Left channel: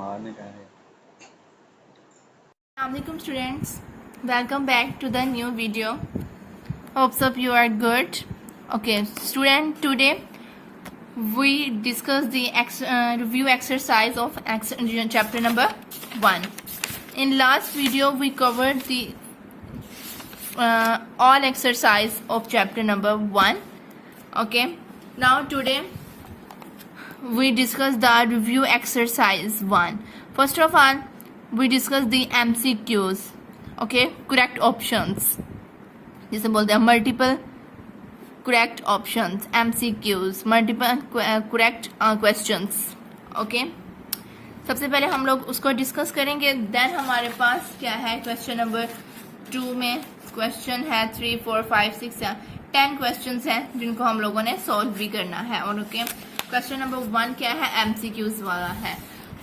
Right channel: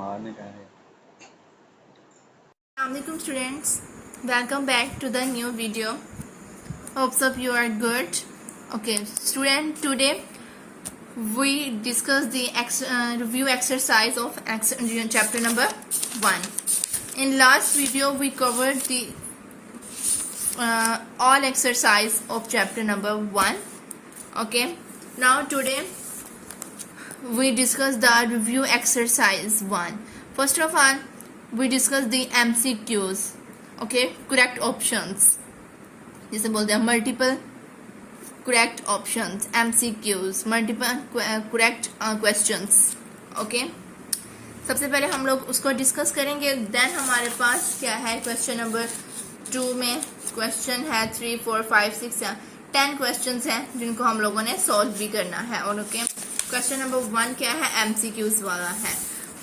मारने का है। Assalamualaikum students, welcome back to the new video. Hopes of you are good. Okay, student, today we discuss the review exercise of chapter number 1. In last video we covered the all exercise of chapter number 1. Okay, now today we discuss the review exercise 1. First of all, we discuss the MCQs. Okay, correct options, जिसे बोलते हैं multiple correct options, MCQs, multiple correct questions. Okay, सबसे पहले हम लोग उसको discuss करेंगे. Then हमारे पास क्या है, क्वेश्चन नंबर 2 में क्वेश्चन है 3, 4, 5, 6, 10 क्वेश्चंस हैं जिनको हम लोगों ने सॉल्व भी करना है. और ओके, क्वेश्चन नंबर 1 क्या है, MCQs वाला है.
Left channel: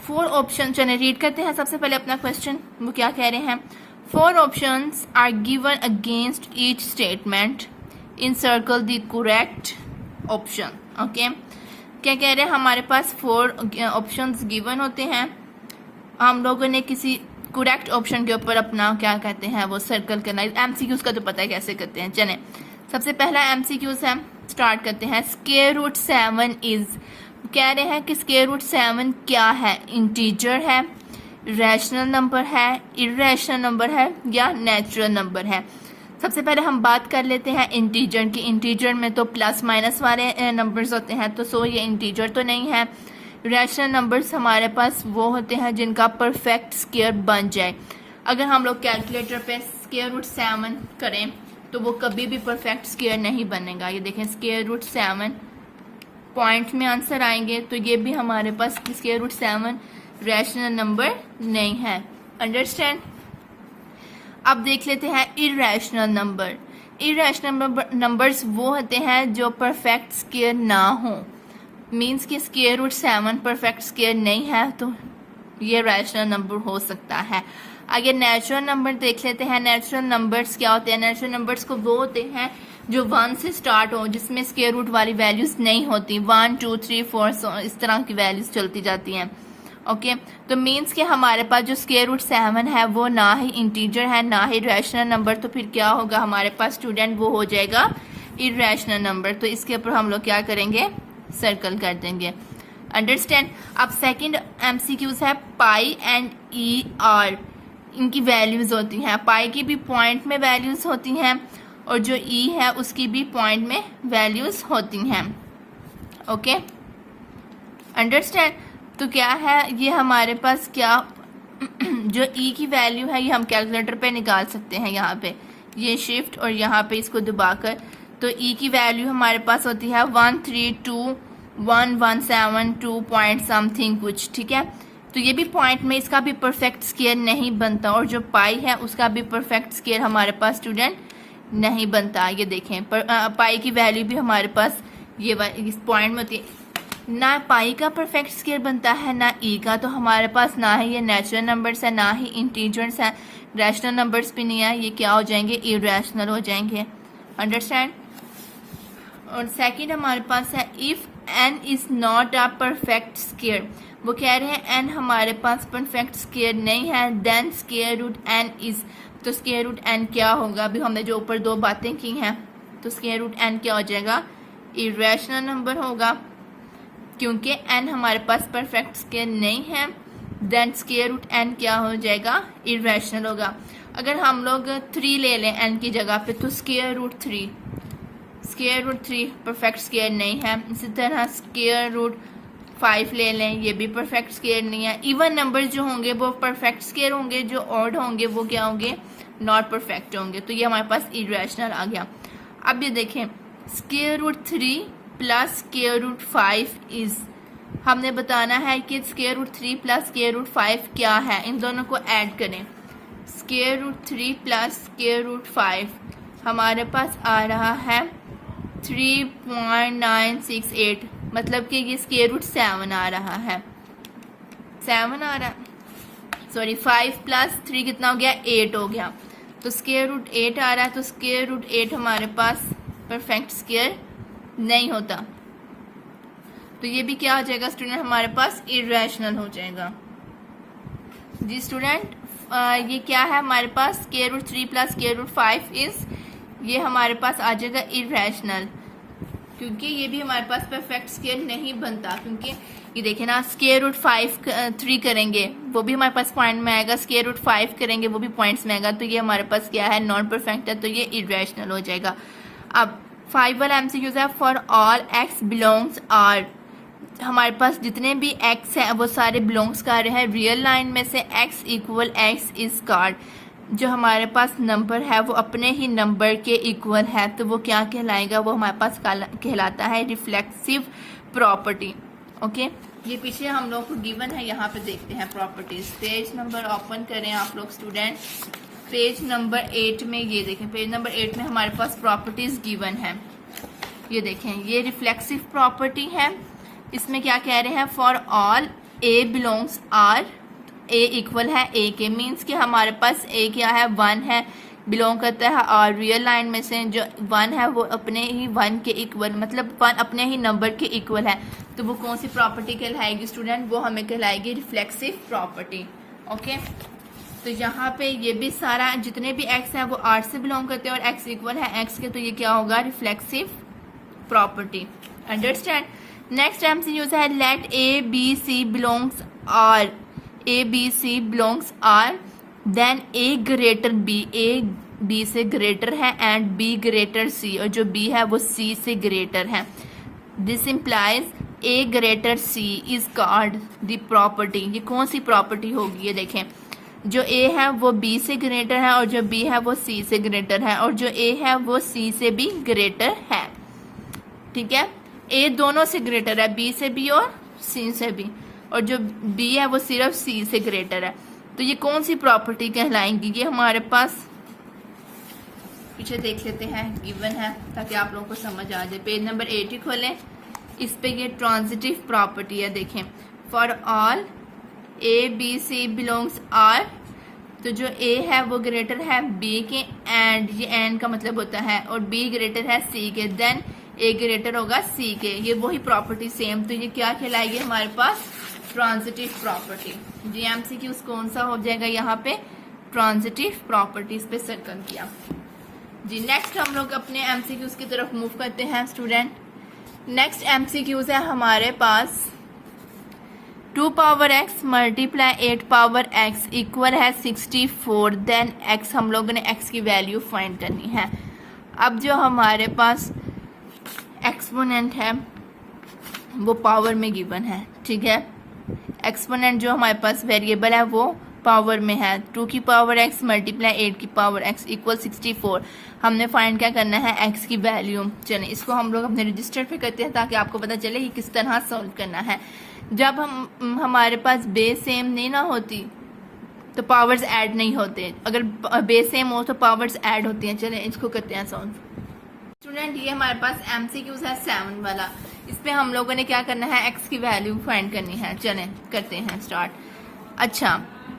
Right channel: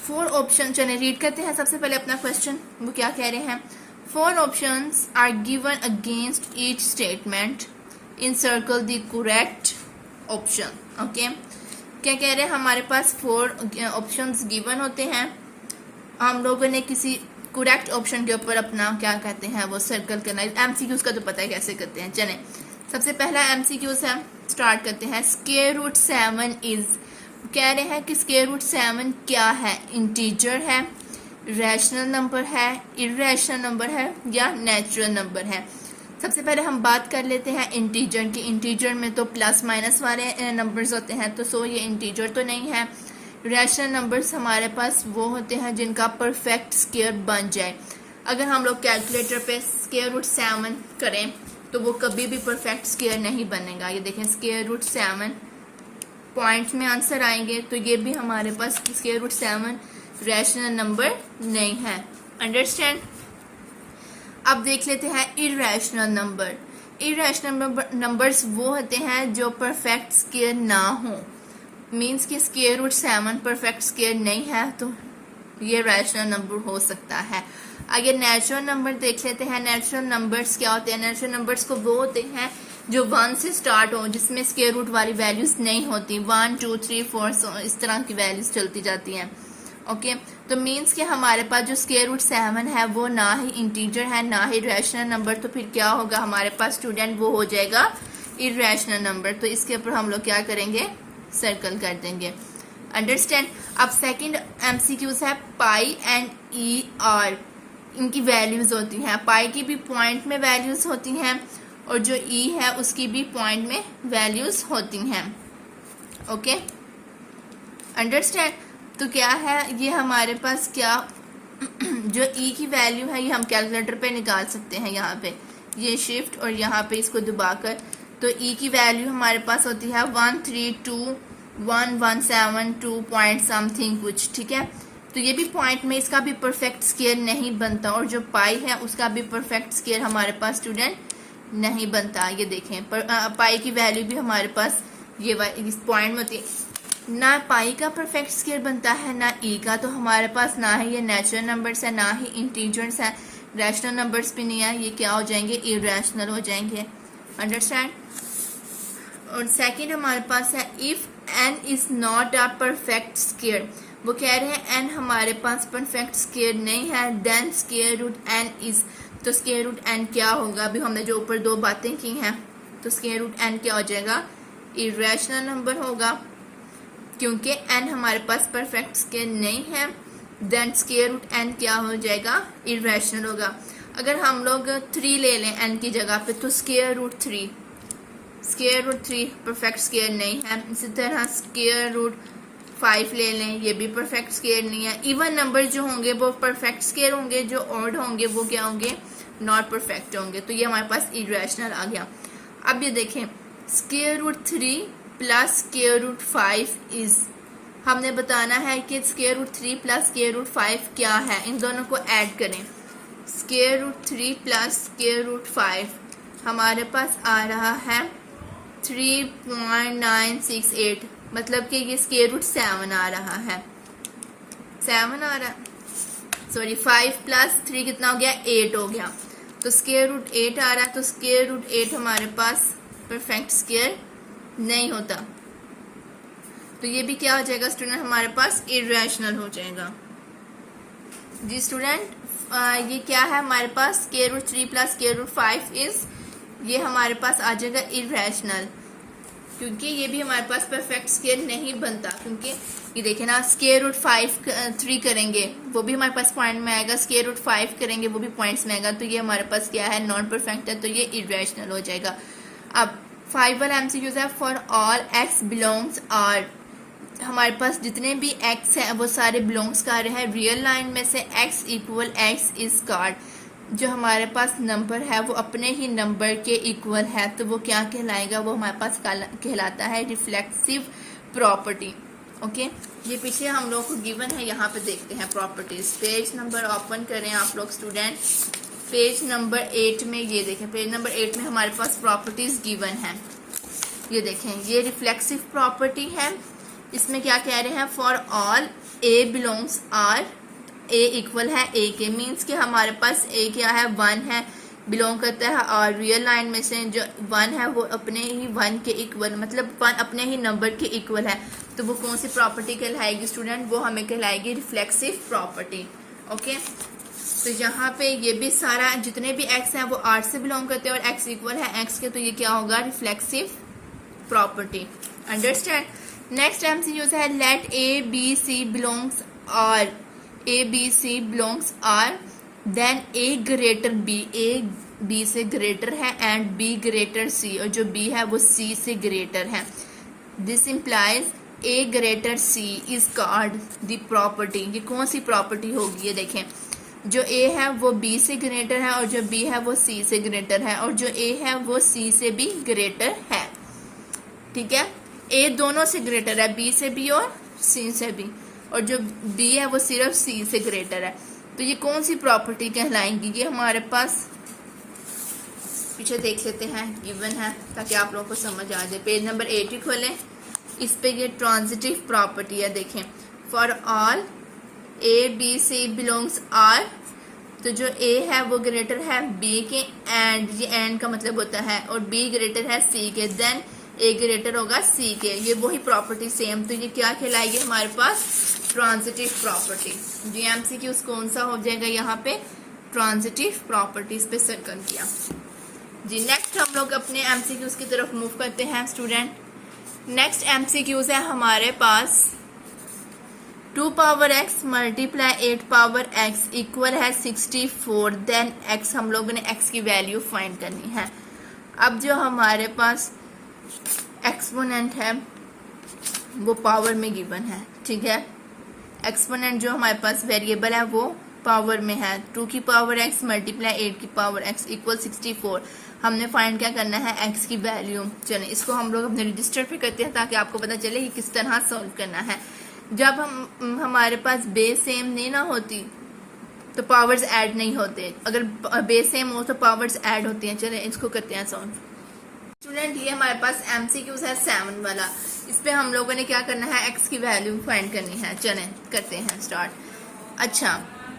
4 ऑप्शन, चलिए रीड करते हैं सबसे पहले अपना क्वेश्चन. वो क्या कह रहे हैं, 4 options are given against each statement, encircle the correct option. Okay, क्या कह रहे हैं, हमारे पास 4 ऑप्शंस गिवन होते हैं. हम लोगों ने किसी करेक्ट ऑप्शन के ऊपर अपना क्या कहते हैं वो सर्कल करना है. MCQs का तो पता है कैसे करते हैं. चलें, सबसे पहला MCQs है, स्टार्ट करते हैं. स्क्वायर रूट 7 इज, कह रहे हैं कि स्क्वायर रूट 7 क्या है, इंटीजर है, रैशनल नंबर है, इरेशनल नंबर है या नेचुरल नंबर है. सबसे पहले हम बात कर लेते हैं इंटीजर की. इंटीजर में तो प्लस माइनस वाले नंबर्स होते हैं, तो सो ये इंटीजर तो नहीं है. रैशनल नंबर्स हमारे पास वो होते हैं जिनका परफेक्ट स्क्वायर बन जाए. अगर हम लोग कैलकुलेटर पे स्क्वायर रूट 7 करें तो वो कभी भी परफेक्ट स्क्वायर नहीं बनेगा. ये देखें, स्क्वायर रूट 7 पॉइंट्स में आंसर आएंगे, तो ये भी हमारे पास स्क्वायर रूट 7 रैशनल नंबर नहीं है. अंडरस्टैंड. अब देख लेते हैं इरेशनल नंबर. इरेशनल नंबर्स वो होते हैं जो परफेक्ट स्क्वायर ना हो. मींस कि स्क्वायर रूट 7 परफेक्ट स्क्वायर नहीं है तो ये रैशनल नंबर हो सकता है. अगर नेचुरल नंबर देख लेते हैं, नेचुरल नंबर्स क्या होते हैं, नेचुरल नंबर्स को वो होते हैं जो 1 से स्टार्ट हो, जिसमें स्क्वायर रूट वाली वैल्यूज नहीं होती. 1, 2, 3, 4 इस तरह की वैल्यूज चलती जाती हैं. ओके, तो मींस कि हमारे पास जो स्क्वायर रूट 7 है वो ना ही इंटीजर है ना ही रैशनल नंबर. तो फिर क्या होगा हमारे पास स्टूडेंट, वो हो जाएगा इरेशनल नंबर. तो इसके ऊपर हम लोग क्या करेंगे, सर्कल कर देंगे. अंडरस्टैंड. अब सेकंड MCQs है पाई एंड ER. इनकी वैल्यूज होती हैं, पाई की भी पॉइंट में वैल्यूज होती हैं और जो E है उसकी भी पॉइंट में वैल्यूज होती हैं. Okay, understand. तो क्या है ये हमारे पास, क्या जो E की वैल्यू है ये हम कैलकुलेटर पे निकाल सकते हैं. यहाँ पे ये शिफ्ट और यहाँ पे इसको दबाकर, तो E की वैल्यू हमारे पास होती है 1321172 पॉइंट समथिंग कुछ. ठीक है, तो ये भी पॉइंट में इसका भी परफेक्ट स्क्वायर नहीं बनता और जो पाई है उसका भी परफेक्ट स्क्वायर हमारे पास स्टूडेंट नहीं बनता. ये देखें, पाई की वैल्यू भी हमारे पास ये इस पॉइंट में होती है. ना पाई का परफेक्ट स्क्वायर बनता है ना E का. तो हमारे पास ना ही ये नेचुरल नंबर्स है ना ही इंटीजर्स है, रैशनल नंबर्स भी नहीं है. ये क्या हो जाएंगे, इरेशनल हो जाएंगे. अंडरस्टैंड. और सेकंड हमारे पास है if n is not a perfect square. वो कह रहे हैं n हमारे पास परफेक्ट स्क्वायर नहीं है, then square root n is. तो स्क्वायर रूट n क्या होगा, अभी हमने जो ऊपर 2 बातें की हैं, तो स्क्वायर रूट n क्या हो जाएगा, इरेशनल नंबर होगा क्योंकि n हमारे पास परफेक्ट स्क्वायर नहीं है. देन स्क्वायर रूट n क्या हो जाएगा, इरेशनल होगा. अगर हम लोग 3 ले लें n की जगह पे, तो स्क्वायर रूट 3 परफेक्ट स्क्वायर नहीं है. इसी तरह स्क्वायर रूट 5 ले लें, ये भी परफेक्ट स्क्वायर नहीं है. इवन नंबर जो होंगे वो परफेक्ट स्क्वायर होंगे, जो ऑड होंगे वो क्या होंगे, नॉट परफेक्ट होंगे. तो ये हमारे पास इरेशनल आ गया. अब ये देखें, square root 3 plus square root 5 is, हमने बताना है कि square root 3 plus square root 5 क्या है. इन दोनों को ऐड करें. Square root 3 plus square root 5 हमारे पास आ रहा है 3.968, मतलब कि ये स्क्वायर रूट 7 आ रहा है. 7 आ रहा है, सॉरी 5 प्लस 3 कितना हो गया, 8 हो गया. तो स्क्वायर रूट 8 आ रहा है. तो स्क्वायर रूट 8 हमारे पास परफेक्ट स्क्वायर नहीं होता. तो ये भी क्या हो जाएगा स्टूडेंट, हमारे पास इरेशनल हो जाएगा. जी स्टूडेंट, ये क्या है हमारे पास, square root 3 plus square root 5 is, ये हमारे पास आ जाएगा इरेशनल, क्योंकि ये भी हमारे पास परफेक्ट स्केल नहीं बनता, क्योंकि ये देखें ना, स्क्वायर रूट 3 करेंगे वो भी हमारे पास पॉइंट में आएगा, स्क्वायर रूट 5 करेंगे वो भी पॉइंट्स में आएगा, तो ये हमारे पास क्या है, नॉन परफेक्ट है, तो ये इरेशनल हो जाएगा। अब 5 वाला एमसीक्यूज है, for all x belongs R, हमारे पास जितने भी एक्स हैं वो सारे बिलोंग्स कर रहे हैं रियल लाइन में से x equal x is called, जो हमारे पास नंबर है वो अपने ही नंबर के इक्वल है, तो वो क्या कहलाएगा, वो हमारे पास कहलाता है रिफ्लेक्सिव प्रॉपर्टी। ओके, ये पीछे हम लोग को गिवन है, यहाँ पे देखते हैं प्रॉपर्टीज। पेज नंबर ओपन करें आप लोग स्टूडेंट, पेज नंबर 8 में, ये देखें पेज नंबर 8 में हमारे पास प्रॉपर्टीज गिवन है। ये देखें, ये रिफ्लेक्सिव प्रॉपर्टी है, इसमें क्या कह रहे हैं, for all a belongs R, a equal है ए के, मीन्स कि हमारे पास ए क्या है, 1 है, बिलोंग करता है और रियल लाइन में से जो 1 है वो अपने ही 1 के इक्वल, मतलब 1 अपने ही नंबर के इक्वल है, तो वो कौन सी प्रॉपर्टी कहलाएगी स्टूडेंट, वो हमें कहलाएगी रिफ्लेक्सिव प्रॉपर्टी। ओके, तो यहाँ पे ये भी सारा जितने भी एक्स हैं वो आर से बिलोंग करते हैं और एक्स इक्वल है एक्स के, तो ये क्या होगा, reflexive property. Understand. Next MCQs है, let A B C belongs R, A B C belongs R, then A greater B, A B से ग्रेटर है एंड बी ग्रेटर सी, और जो बी है वो सी से ग्रेटर है। This implies A greater C is called the property. ये कौन सी प्रॉपर्टी होगी, ये देखें, जो ए है वो बी से ग्रेटर है और जो बी है वो सी से ग्रेटर है, और जो ए है वो सी से भी ग्रेटर है। ठीक है, ए दोनों से ग्रेटर है, बी से भी और सी से भी, और जो बी है वो सिर्फ सी से ग्रेटर है, तो ये कौन सी प्रॉपर्टी कहलाएंगी, ये हमारे पास पीछे देख लेते हैं, गिवन है ताकि आप लोगों को समझ आ जाए। पेज नंबर 80 खोलें, इस पे ये ट्रांजिटिव प्रॉपर्टी है, देखें, for all a B C belongs R, तो जो ए है वो ग्रेटर है बी के, एंड ये एंड का मतलब होता है, और बी ग्रेटर है सी के, देन ए ग्रेटर होगा सी के, ये वही प्रॉपर्टी सेम, तो ये क्या कहलाएगी हमारे पास, ट्रांजिटिव प्रॉपर्टी। जी एमसीक्यू कौन सा हो जाएगा यहाँ पे, ट्रांजिटिव प्रॉपर्टीज पे सर्कल किया। जी नेक्स्ट हम लोग अपने एमसीक्यूज की तरफ मूव करते हैं स्टूडेंट। नेक्स्ट एमसीक्यूज है हमारे पास, 2 power x multiply 8 power x equal है 64, देन x, हम लोगों ने x की वैल्यू फाइंड करनी है। अब जो हमारे पास एक्सपोनेंट है वो पावर में गिवन है, ठीक है, एक्सपोनेंट जो हमारे पास वेरिएबल है वो पावर में है, 2 की पावर x मल्टीप्लाई 8 की पावर x इक्वल 64, हमने फाइंड क्या करना है, x की वैल्यू। चलें इसको हम लोग अपने रजिस्टर पे करते हैं ताकि आपको पता चले कि किस तरह सॉल्व करना है। जब हमारे पास बेस सेम नहीं ना होती तो पावर्स ऐड नहीं होते, अगर बेस सेम हो तो पावर्स ऐड होती हैं। चलें इसको करते हैं सॉल्व। स्टूडेंट ये हमारे पास एमसीक्यूज है 7 वाला, इस पे हम लोगों ने क्या करना है, x की वैल्यू फाइंड करनी है। चलें करते हैं स्टार्ट। अच्छा,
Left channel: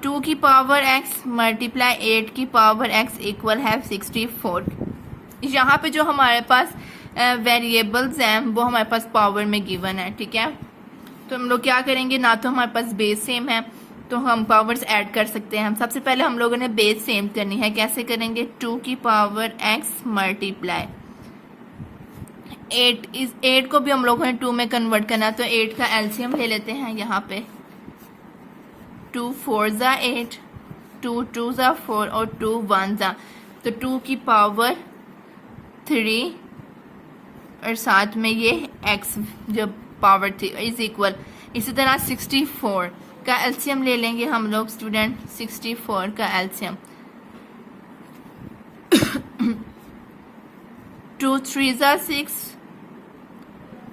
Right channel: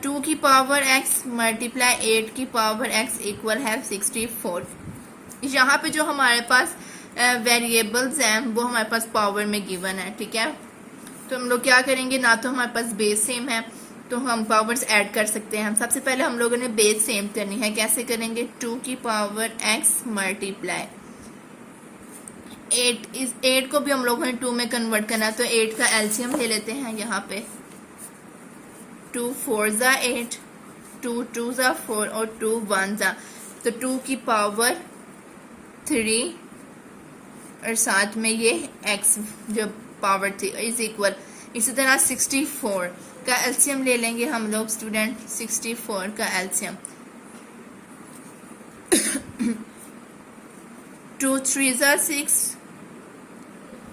2 की पावर x मल्टीप्लाई 8 की पावर x इक्वल है 64। यहाँ पे जो हमारे पास वेरिएबल्स हैं वो हमारे पास पावर में गिवन है, ठीक है, तो हम लोग क्या करेंगे, ना तो हमारे पास बेस सेम है तो हम पावर्स ऐड कर सकते हैं। सबसे पहले हम लोगों ने बेस सेम करनी है, कैसे करेंगे, 2 की पावर x मल्टीप्लाई 8, इस 8 को भी हम लोगों ने 2 में कन्वर्ट करना, तो 8 का एलसीएम ले लेते हैं यहाँ पे, 2 4 ज़ा 8, 2 2 ज़ा 4 और 2 1 ज़ा, तो 2 की पावर 3 और साथ में ये x जो पावर थी इज इक्वल। इसी तरह 64 का एलसीएम ले लेंगे हम लोग स्टूडेंट, 64 का एलसीएम 2 3 ज़ा 6,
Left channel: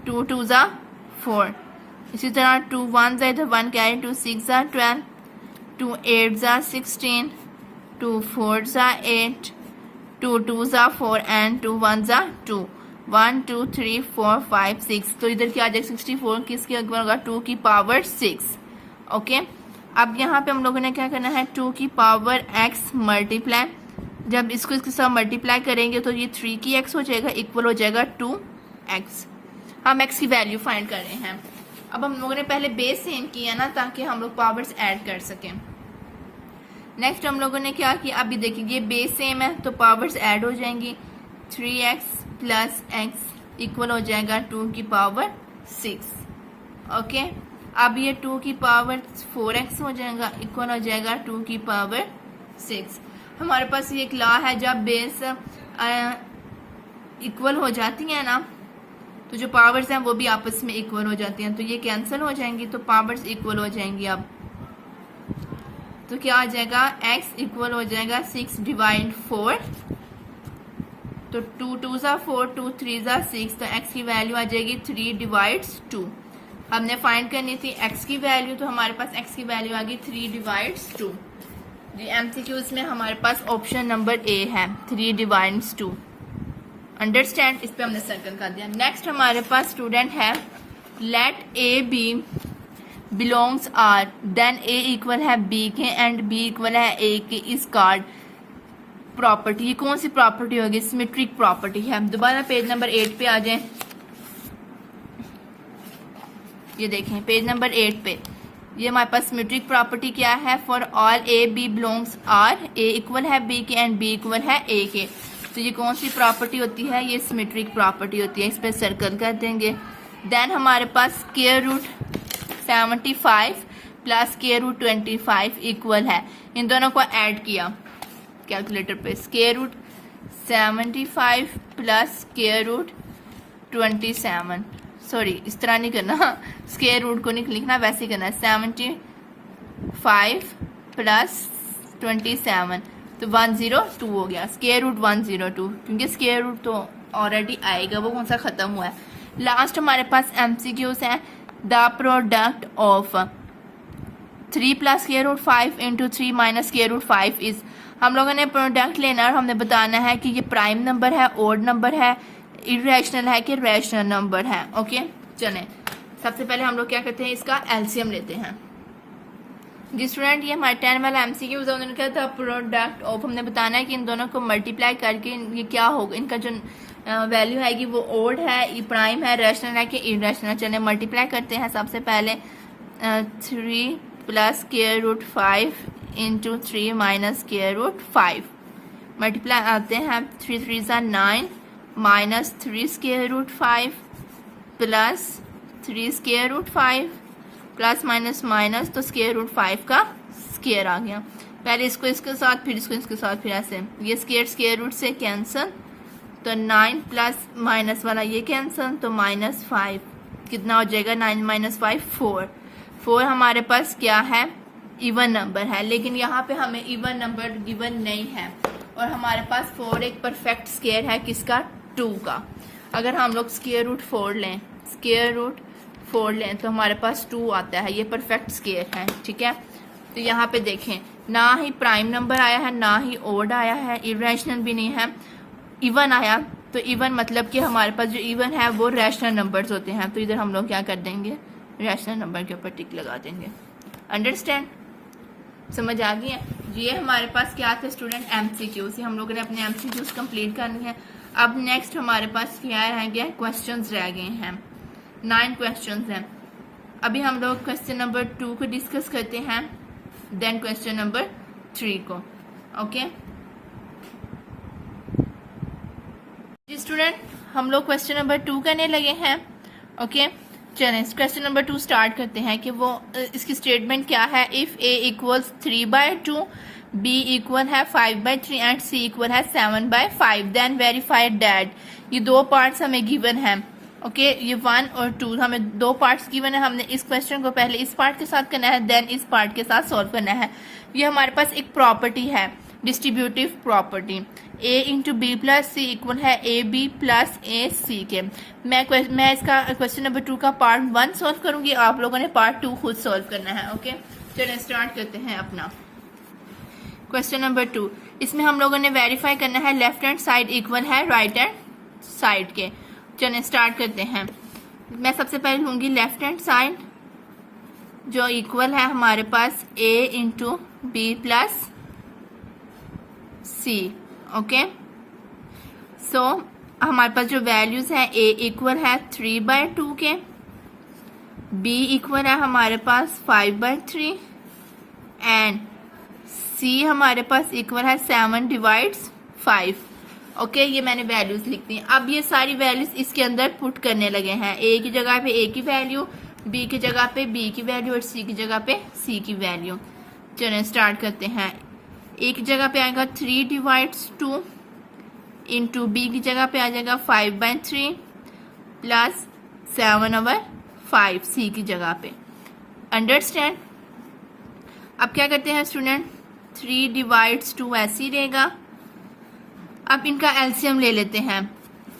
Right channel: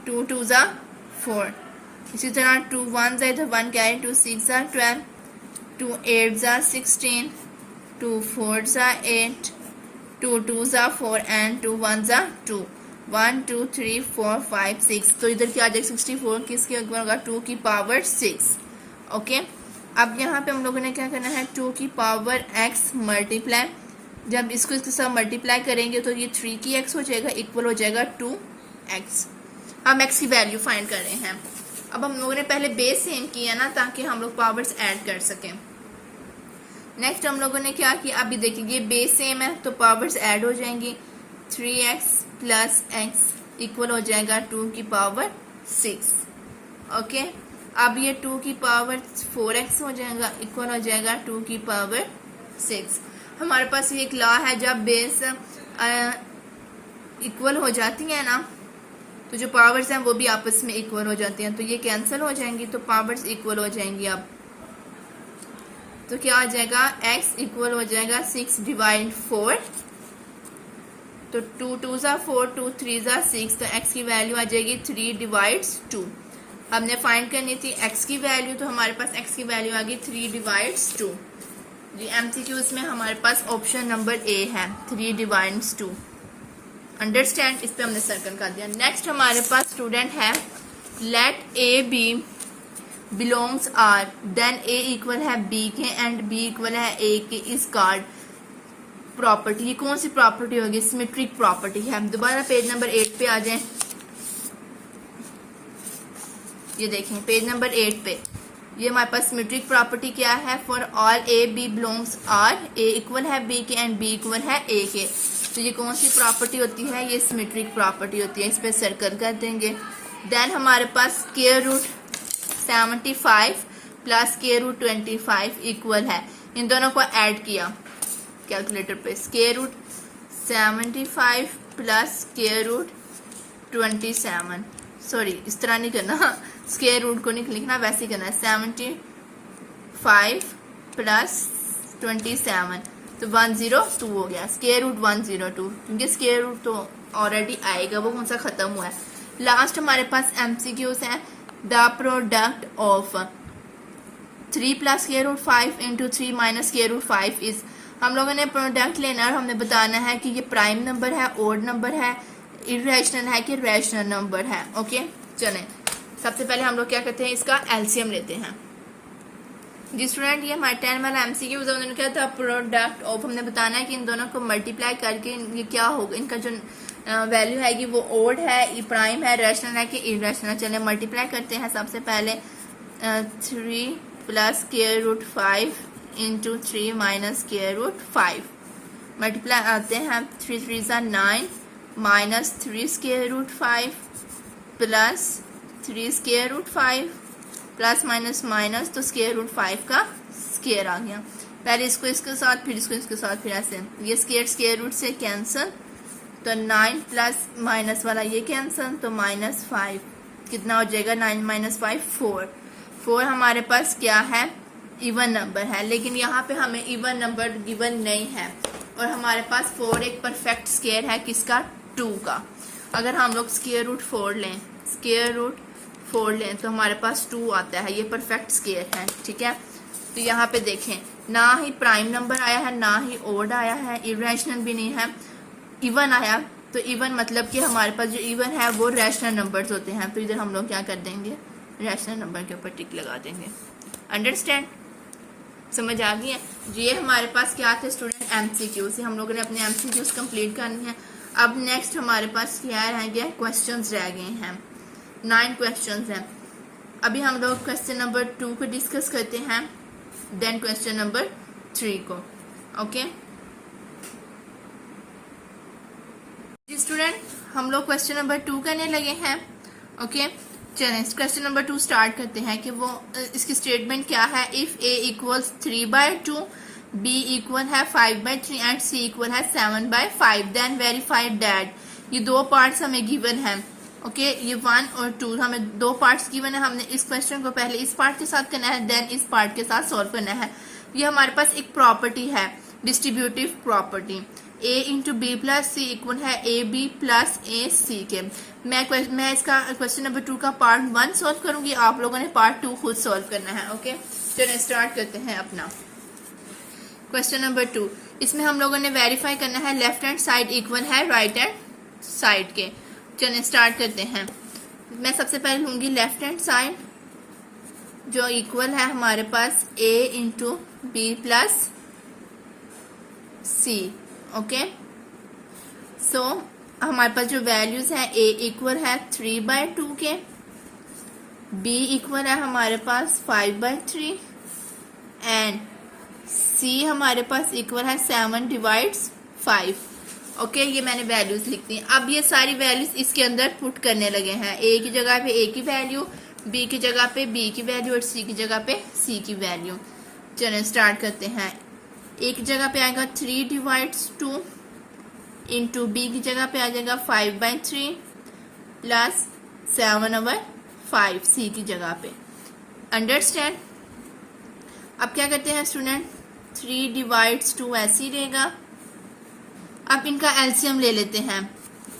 2 2 ज़ा 4, इसी तरह 2 1 ज़ा इधर 1 कैरी, 2 6 ज़ा 12, 2 8 ज़ा 16, 2 4 ज़ा 8, 2 2 ज़ा 4 एंड 2 1 ज़ा 2, 1 2 3 4 5 6, तो इधर क्या आ जाएगा, 64 किसके इक्वल होगा, 2 की पावर 6। ओके, अब यहाँ पे हम लोगों ने क्या करना है, 2 की पावर x मल्टीप्लाई, जब इसको इसके साथ मल्टीप्लाई करेंगे तो ये 3 की x हो जाएगा, इक्वल हो जाएगा 2x। हम x की वैल्यू फाइंड कर रहे हैं। अब हम लोगों ने पहले बेस सेम किया ना ताकि हम लोग पावर्स ऐड कर सकें। नेक्स्ट हम लोगों ने क्या किया, अभी देखिए बेस सेम है तो पावर्स ऐड हो जाएंगी। 3x प्लस एक्स इक्वल हो जाएगा 2 की पावर 6। ओके, अब ये 2 की पावर 4x हो जाएगा, इक्वल हो जाएगा 2 की पावर 6। हमारे पास ये एक लॉ है, जब बेस इक्वल हो जाती है ना तो जो पावर्स हैं वो भी आपस में इक्वल हो जाती हैं, तो ये कैंसिल हो जाएंगी तो पावर्स इक्वल हो जाएंगी। अब तो क्या आ जाएगा, x इक्वल हो जाएगा 6 डिवाइड 4, तो 2 2 ज़ा 4, 2 3 ज़ा 6, तो x की वैल्यू आ जाएगी 3 डिवाइड्स 2। हमने फाइंड करनी थी x की वैल्यू, तो हमारे पास x की वैल्यू आ गई 3 डिवाइड्स 2। जी MCQs में हमारे पास ऑप्शन नंबर ए है 3 डिवाइड्स 2। अंडरस्टैंड, इस पे हमने सर्कल कर दिया। नेक्स्ट हमारे पास स्टूडेंट है, let A b belongs R, then a equal है बी के एंड बी इक्वल है ए के इस कार्ड प्रॉपर्टी। ये कौन सी प्रॉपर्टी होगी, सिमेट्रिक प्रॉपर्टी है। हम दोबारा पेज नंबर 8 पे आ जाएं। ये देखें पेज नंबर 8 पे, ये हमारे पास सिमेट्रिक प्रॉपर्टी क्या है, for all a b belongs R, a equal है बी के एंड बी इक्वल है ए के। तो ये कौन सी प्रॉपर्टी होती है, ये सिमेट्रिक प्रॉपर्टी होती है। इस पे सर्कल कर देंगे। देन हमारे पास square root 75 plus square root 25 equal है, इन दोनों को ऐड किया कैलकुलेटर पे, square root 75 plus square root 27, sorry इस तरह नहीं करना, स्क्वायर रूट को नहीं लिखना, वैसे करना है 75 प्लस 27, तो 102 हो गया, स्क्वायर रूट 102, क्योंकि स्क्वायर रूट तो ऑलरेडी आएगा, वो कौन सा खत्म हुआ है। लास्ट हमारे पास MCQs है, the product of 3 plus square root 5 into 3 minus square root 5 is, हम लोगों ने प्रोडक्ट लेना और हमने बताना है कि ये प्राइम नंबर है, ओड नंबर है, इरेशनल है कि रैशनल नंबर है। ओके चलें, सबसे पहले हम लोग क्या करते हैं, इसका एलसीएम लेते हैं। जी स्टूडेंट, ये हमारे 10 वाला MCQ है, उन्होंने क्या था, प्रोडक्ट ऑफ, हमने बताना है कि इन दोनों को मल्टीप्लाई करके ये क्या होगा, इनका जो वैल्यू आएगी वो ओड है, ई प्राइम है, रैशनल है कि इरेशनल। चले मल्टीप्लाई करते हैं। सबसे पहले 3 plus square root 5 into 3 minus square root 5, multiply आते हैं 3 3 ज़ा 9 minus 3 square root 5 plus 3 square root 5 plus minus minus, तो स्क्वायर रूट 5 का स्क्वायर आ गया। पहले इसको इसके साथ, फिर इसको इसके साथ, फिर ऐसे, ये स्क्वायर स्क्वायर रूट से कैंसिल, तो 9 प्लस माइनस वाला ये कैंसिल, तो -5 कितना हो जाएगा, 9 माइनस 5 4। 4 हमारे पास क्या है, इवन नंबर है, लेकिन यहाँ पे हमें इवन नंबर गिवन नहीं है, और हमारे पास 4 एक परफेक्ट स्क्वायर है, किसका, 2 का। अगर हम लोग स्क्वायर रूट 4 लें, स्क्वायर रूट 4 लें तो हमारे पास 2 आता है, ये परफेक्ट स्क्वायर है, ठीक है। तो यहाँ पे देखें, ना ही प्राइम नंबर आया है, ना ही ओड आया है, इरेशनल भी नहीं है, इवन आया। तो इवन मतलब कि हमारे पास जो इवन है वो रैशनल नंबर्स होते हैं, तो इधर हम लोग क्या कर देंगे, रैशनल नंबर के ऊपर टिक लगा देंगे। अंडरस्टैंड, समझ आ गई है। ये हमारे पास क्या थे स्टूडेंट, MCQ से हम लोगों ने अपने MCQs कंप्लीट करनी है। अब नेक्स्ट हमारे पास क्या रह गया, क्वेश्चंस रह गए हैं, 9 क्वेश्चंस हैं। अभी हम लोग क्वेश्चन नंबर 2 को डिस्कस करते हैं, देन क्वेश्चन नंबर 3 को। ओके जी स्टूडेंट, हम लोग क्वेश्चन नंबर 2 करने लगे हैं। ओके चलें, क्वेश्चन नंबर 2 स्टार्ट करते हैं कि वो इसकी स्टेटमेंट क्या है। If A equals 3/2, B equal है 5/3 एंड C इक्वल है 7/5, देन वेरीफाई दैट, ये 2 पार्ट्स हमें गिवन है। ओके ये 1 और 2 हमें 2 पार्ट्स गिवन है, हमने इस क्वेश्चन को पहले इस पार्ट के साथ करना है, देन इस पार्ट के साथ सॉल्व करना है। ये हमारे पास एक प्रॉपर्टी है, distributive property, A into b plus c equal है AB प्लस AC के। मैं इसका क्वेश्चन नंबर 2 का पार्ट 1 सॉल्व करूंगी, आप लोगों ने पार्ट 2 खुद सॉल्व करना है। ओके चलिए स्टार्ट करते हैं अपना क्वेश्चन नंबर 2। इसमें हम लोगों ने वेरीफाई करना है लेफ्ट हैंड साइड इक्वल है राइट हैंड साइड के। चलिए स्टार्ट करते हैं। मैं सबसे पहले लूंगी लेफ्ट हैंड साइड, जो इक्वल है हमारे पास A into b plus c. Okay so हमारे पास जो वैल्यूज है, A इक्वल है 3/2 के, B इक्वल है हमारे पास 5/3 एंड सी हमारे पास इक्वल है 7 डिवाइड्स 5। ओके, ये मैंने वैल्यूज लिख दी। अब ये सारी वैल्यूज इसके अंदर पुट करने लगे हैं। ए की जगह पे ए की वैल्यू, बी की जगह पे बी की वैल्यू और सी की जगह पे सी की वैल्यू। चलिए स्टार्ट करते हैं। ए की जगह पे आएगा 3 डिवाइड्स 2 इंटू बी की जगह पे आ जाएगा 5/3 प्लस 7/5 सी की जगह पे। अंडरस्टैंड। अब क्या करते हैं स्टूडेंट, 3 डिवाइड्स 2 ऐसे ही रहेगा। अब इनका एलसीएम ले लेते हैं।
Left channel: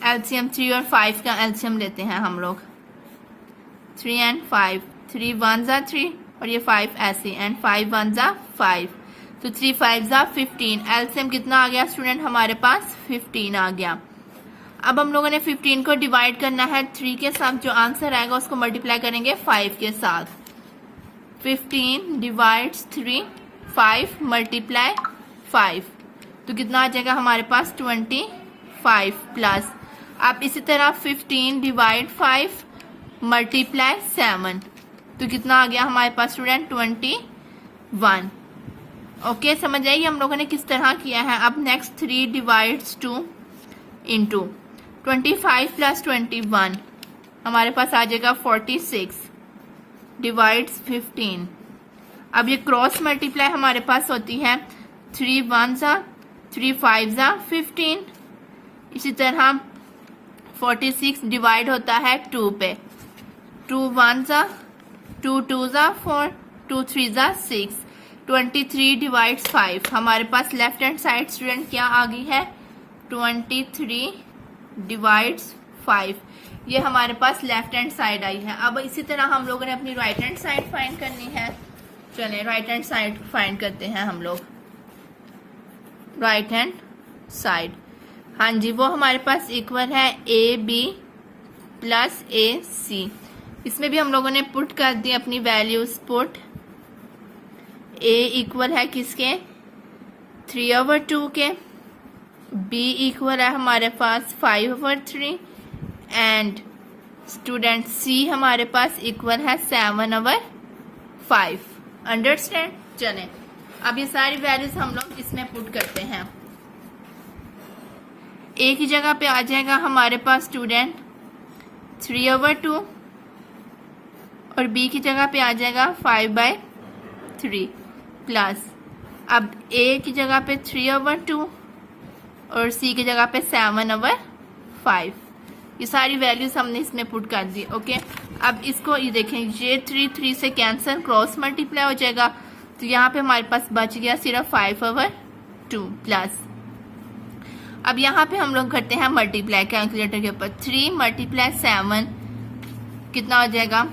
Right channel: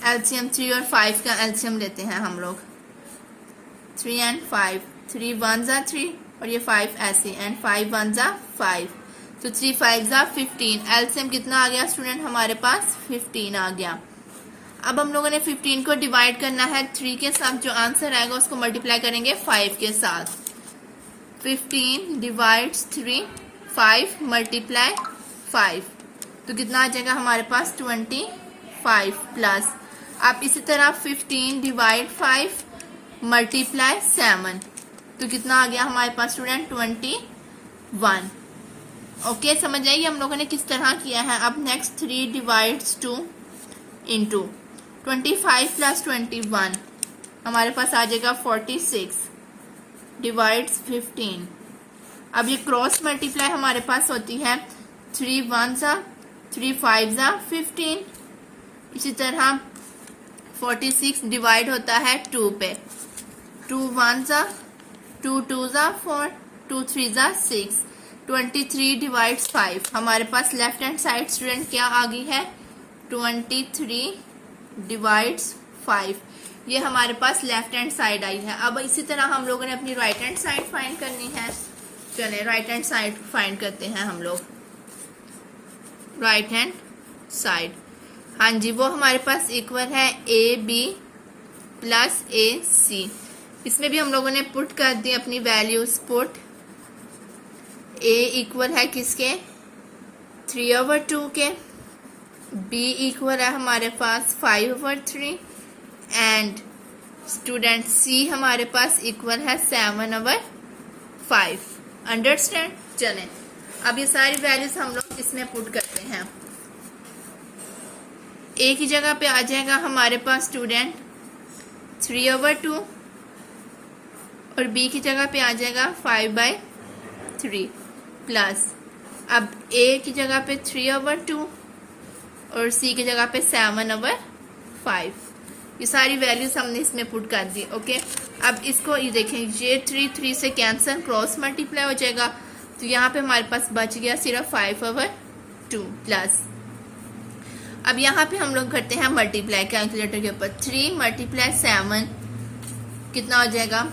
एलसीएम 3 और 5 का एलसीएम लेते हैं हम लोग। 3 and 5, 3 1s are 3 और ये 5 ऐसे, एंड 5 1s are 5, तो 3 5s are 15। एलसीएम कितना आ गया स्टूडेंट हमारे पास? 15 आ गया। अब हम लोगों ने 15 को डिवाइड करना है 3 के साथ, जो आंसर आएगा उसको मल्टीप्लाई करेंगे 5 के साथ। 15 डिवाइड्स 3, 5 मल्टीप्लाई 5, तो कितना आ जाएगा हमारे पास? 25 प्लस। अब इसी तरह 15 डिवाइड 5 मल्टीप्लाई 7, तो कितना आ गया हमारे पास स्टूडेंट? 21। ओके, समझ आइए हम लोगों ने किस तरह किया है। अब नेक्स्ट 3 डिवाइड्स 2 इंटू 25 प्लस 21 हमारे पास आ जाएगा 46 डिवाइड्स 15। अब ये क्रॉस मल्टीप्लाई हमारे पास होती है 3 1s are 3 5s are 15। इसी तरह 46 डिवाइड होता है 2 पे, 2 1s are 2 2s are 4, 2 3s are 6। 23 divides 5 हमारे पास लेफ्ट हैंड साइड स्टूडेंट क्या आ गई है? 23 डिवाइड्स 5, ये हमारे पास लेफ्ट हैंड साइड आई है। अब इसी तरह हम लोगों ने अपनी राइट हैंड साइड फाइंड करनी है। चलिए राइट हैंड साइड फाइंड करते हैं हम लोग। राइट हैंड साइड, हाँ जी, वो हमारे पास इक्वल है ए बी प्लस ए सी। इसमें भी हम लोगों ने पुट कर दी अपनी वैल्यूज। पुट ए इक्वल है किसके? 3/2 के। बी इक्वल है हमारे पास 5/3 एंड स्टूडेंट सी हमारे पास इक्वल है 7/5। अंडरस्टैंड। चलें अब ये सारी वैल्यूज हम लोग इसमें पुट करते हैं। ए की जगह पे आ जाएगा हमारे पास स्टूडेंट 3/2 और बी की जगह पे आ जाएगा 5/3 प्लस, अब ए की जगह पे 3/2 और सी की जगह पे 7/5। ये सारी वैल्यूज हमने इसमें पुट कर दी। ओके, अब इसको ये देखें, ये 3 से कैंसिल, क्रॉस मल्टीप्लाई हो जाएगा, तो यहाँ पे हमारे पास बच गया सिर्फ 5/2 प्लस। अब यहाँ पे हम लोग करते हैं मल्टीप्लाई कैलकुलेटर के ऊपर। 3 मल्टीप्लाई 7 कितना हो जाएगा?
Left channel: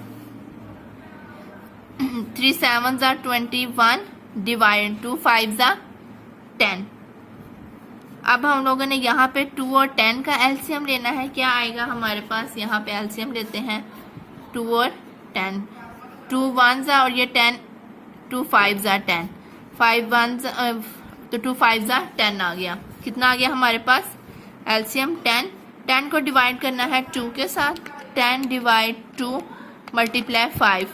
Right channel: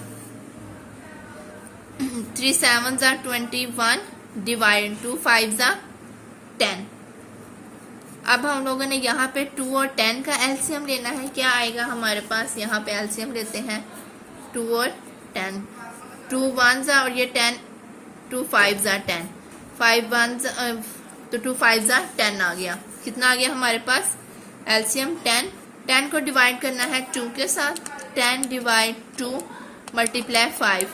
3 7s are 21 divide 2 5s are 10। अब हम लोगों ने यहाँ पे 2 और 10 का एलसीएम लेना है। क्या आएगा हमारे पास? यहाँ पे एलसीएम लेते हैं 2 और 10। 2 1s are और ये 10, 2 5s are 10, 5 1s तो 2 5s are 10 आ गया। कितना आ गया हमारे पास? एलसीएम 10। 10 को डिवाइड करना है 2 के साथ। 10 डिवाइड 2 मल्टीप्लाई 5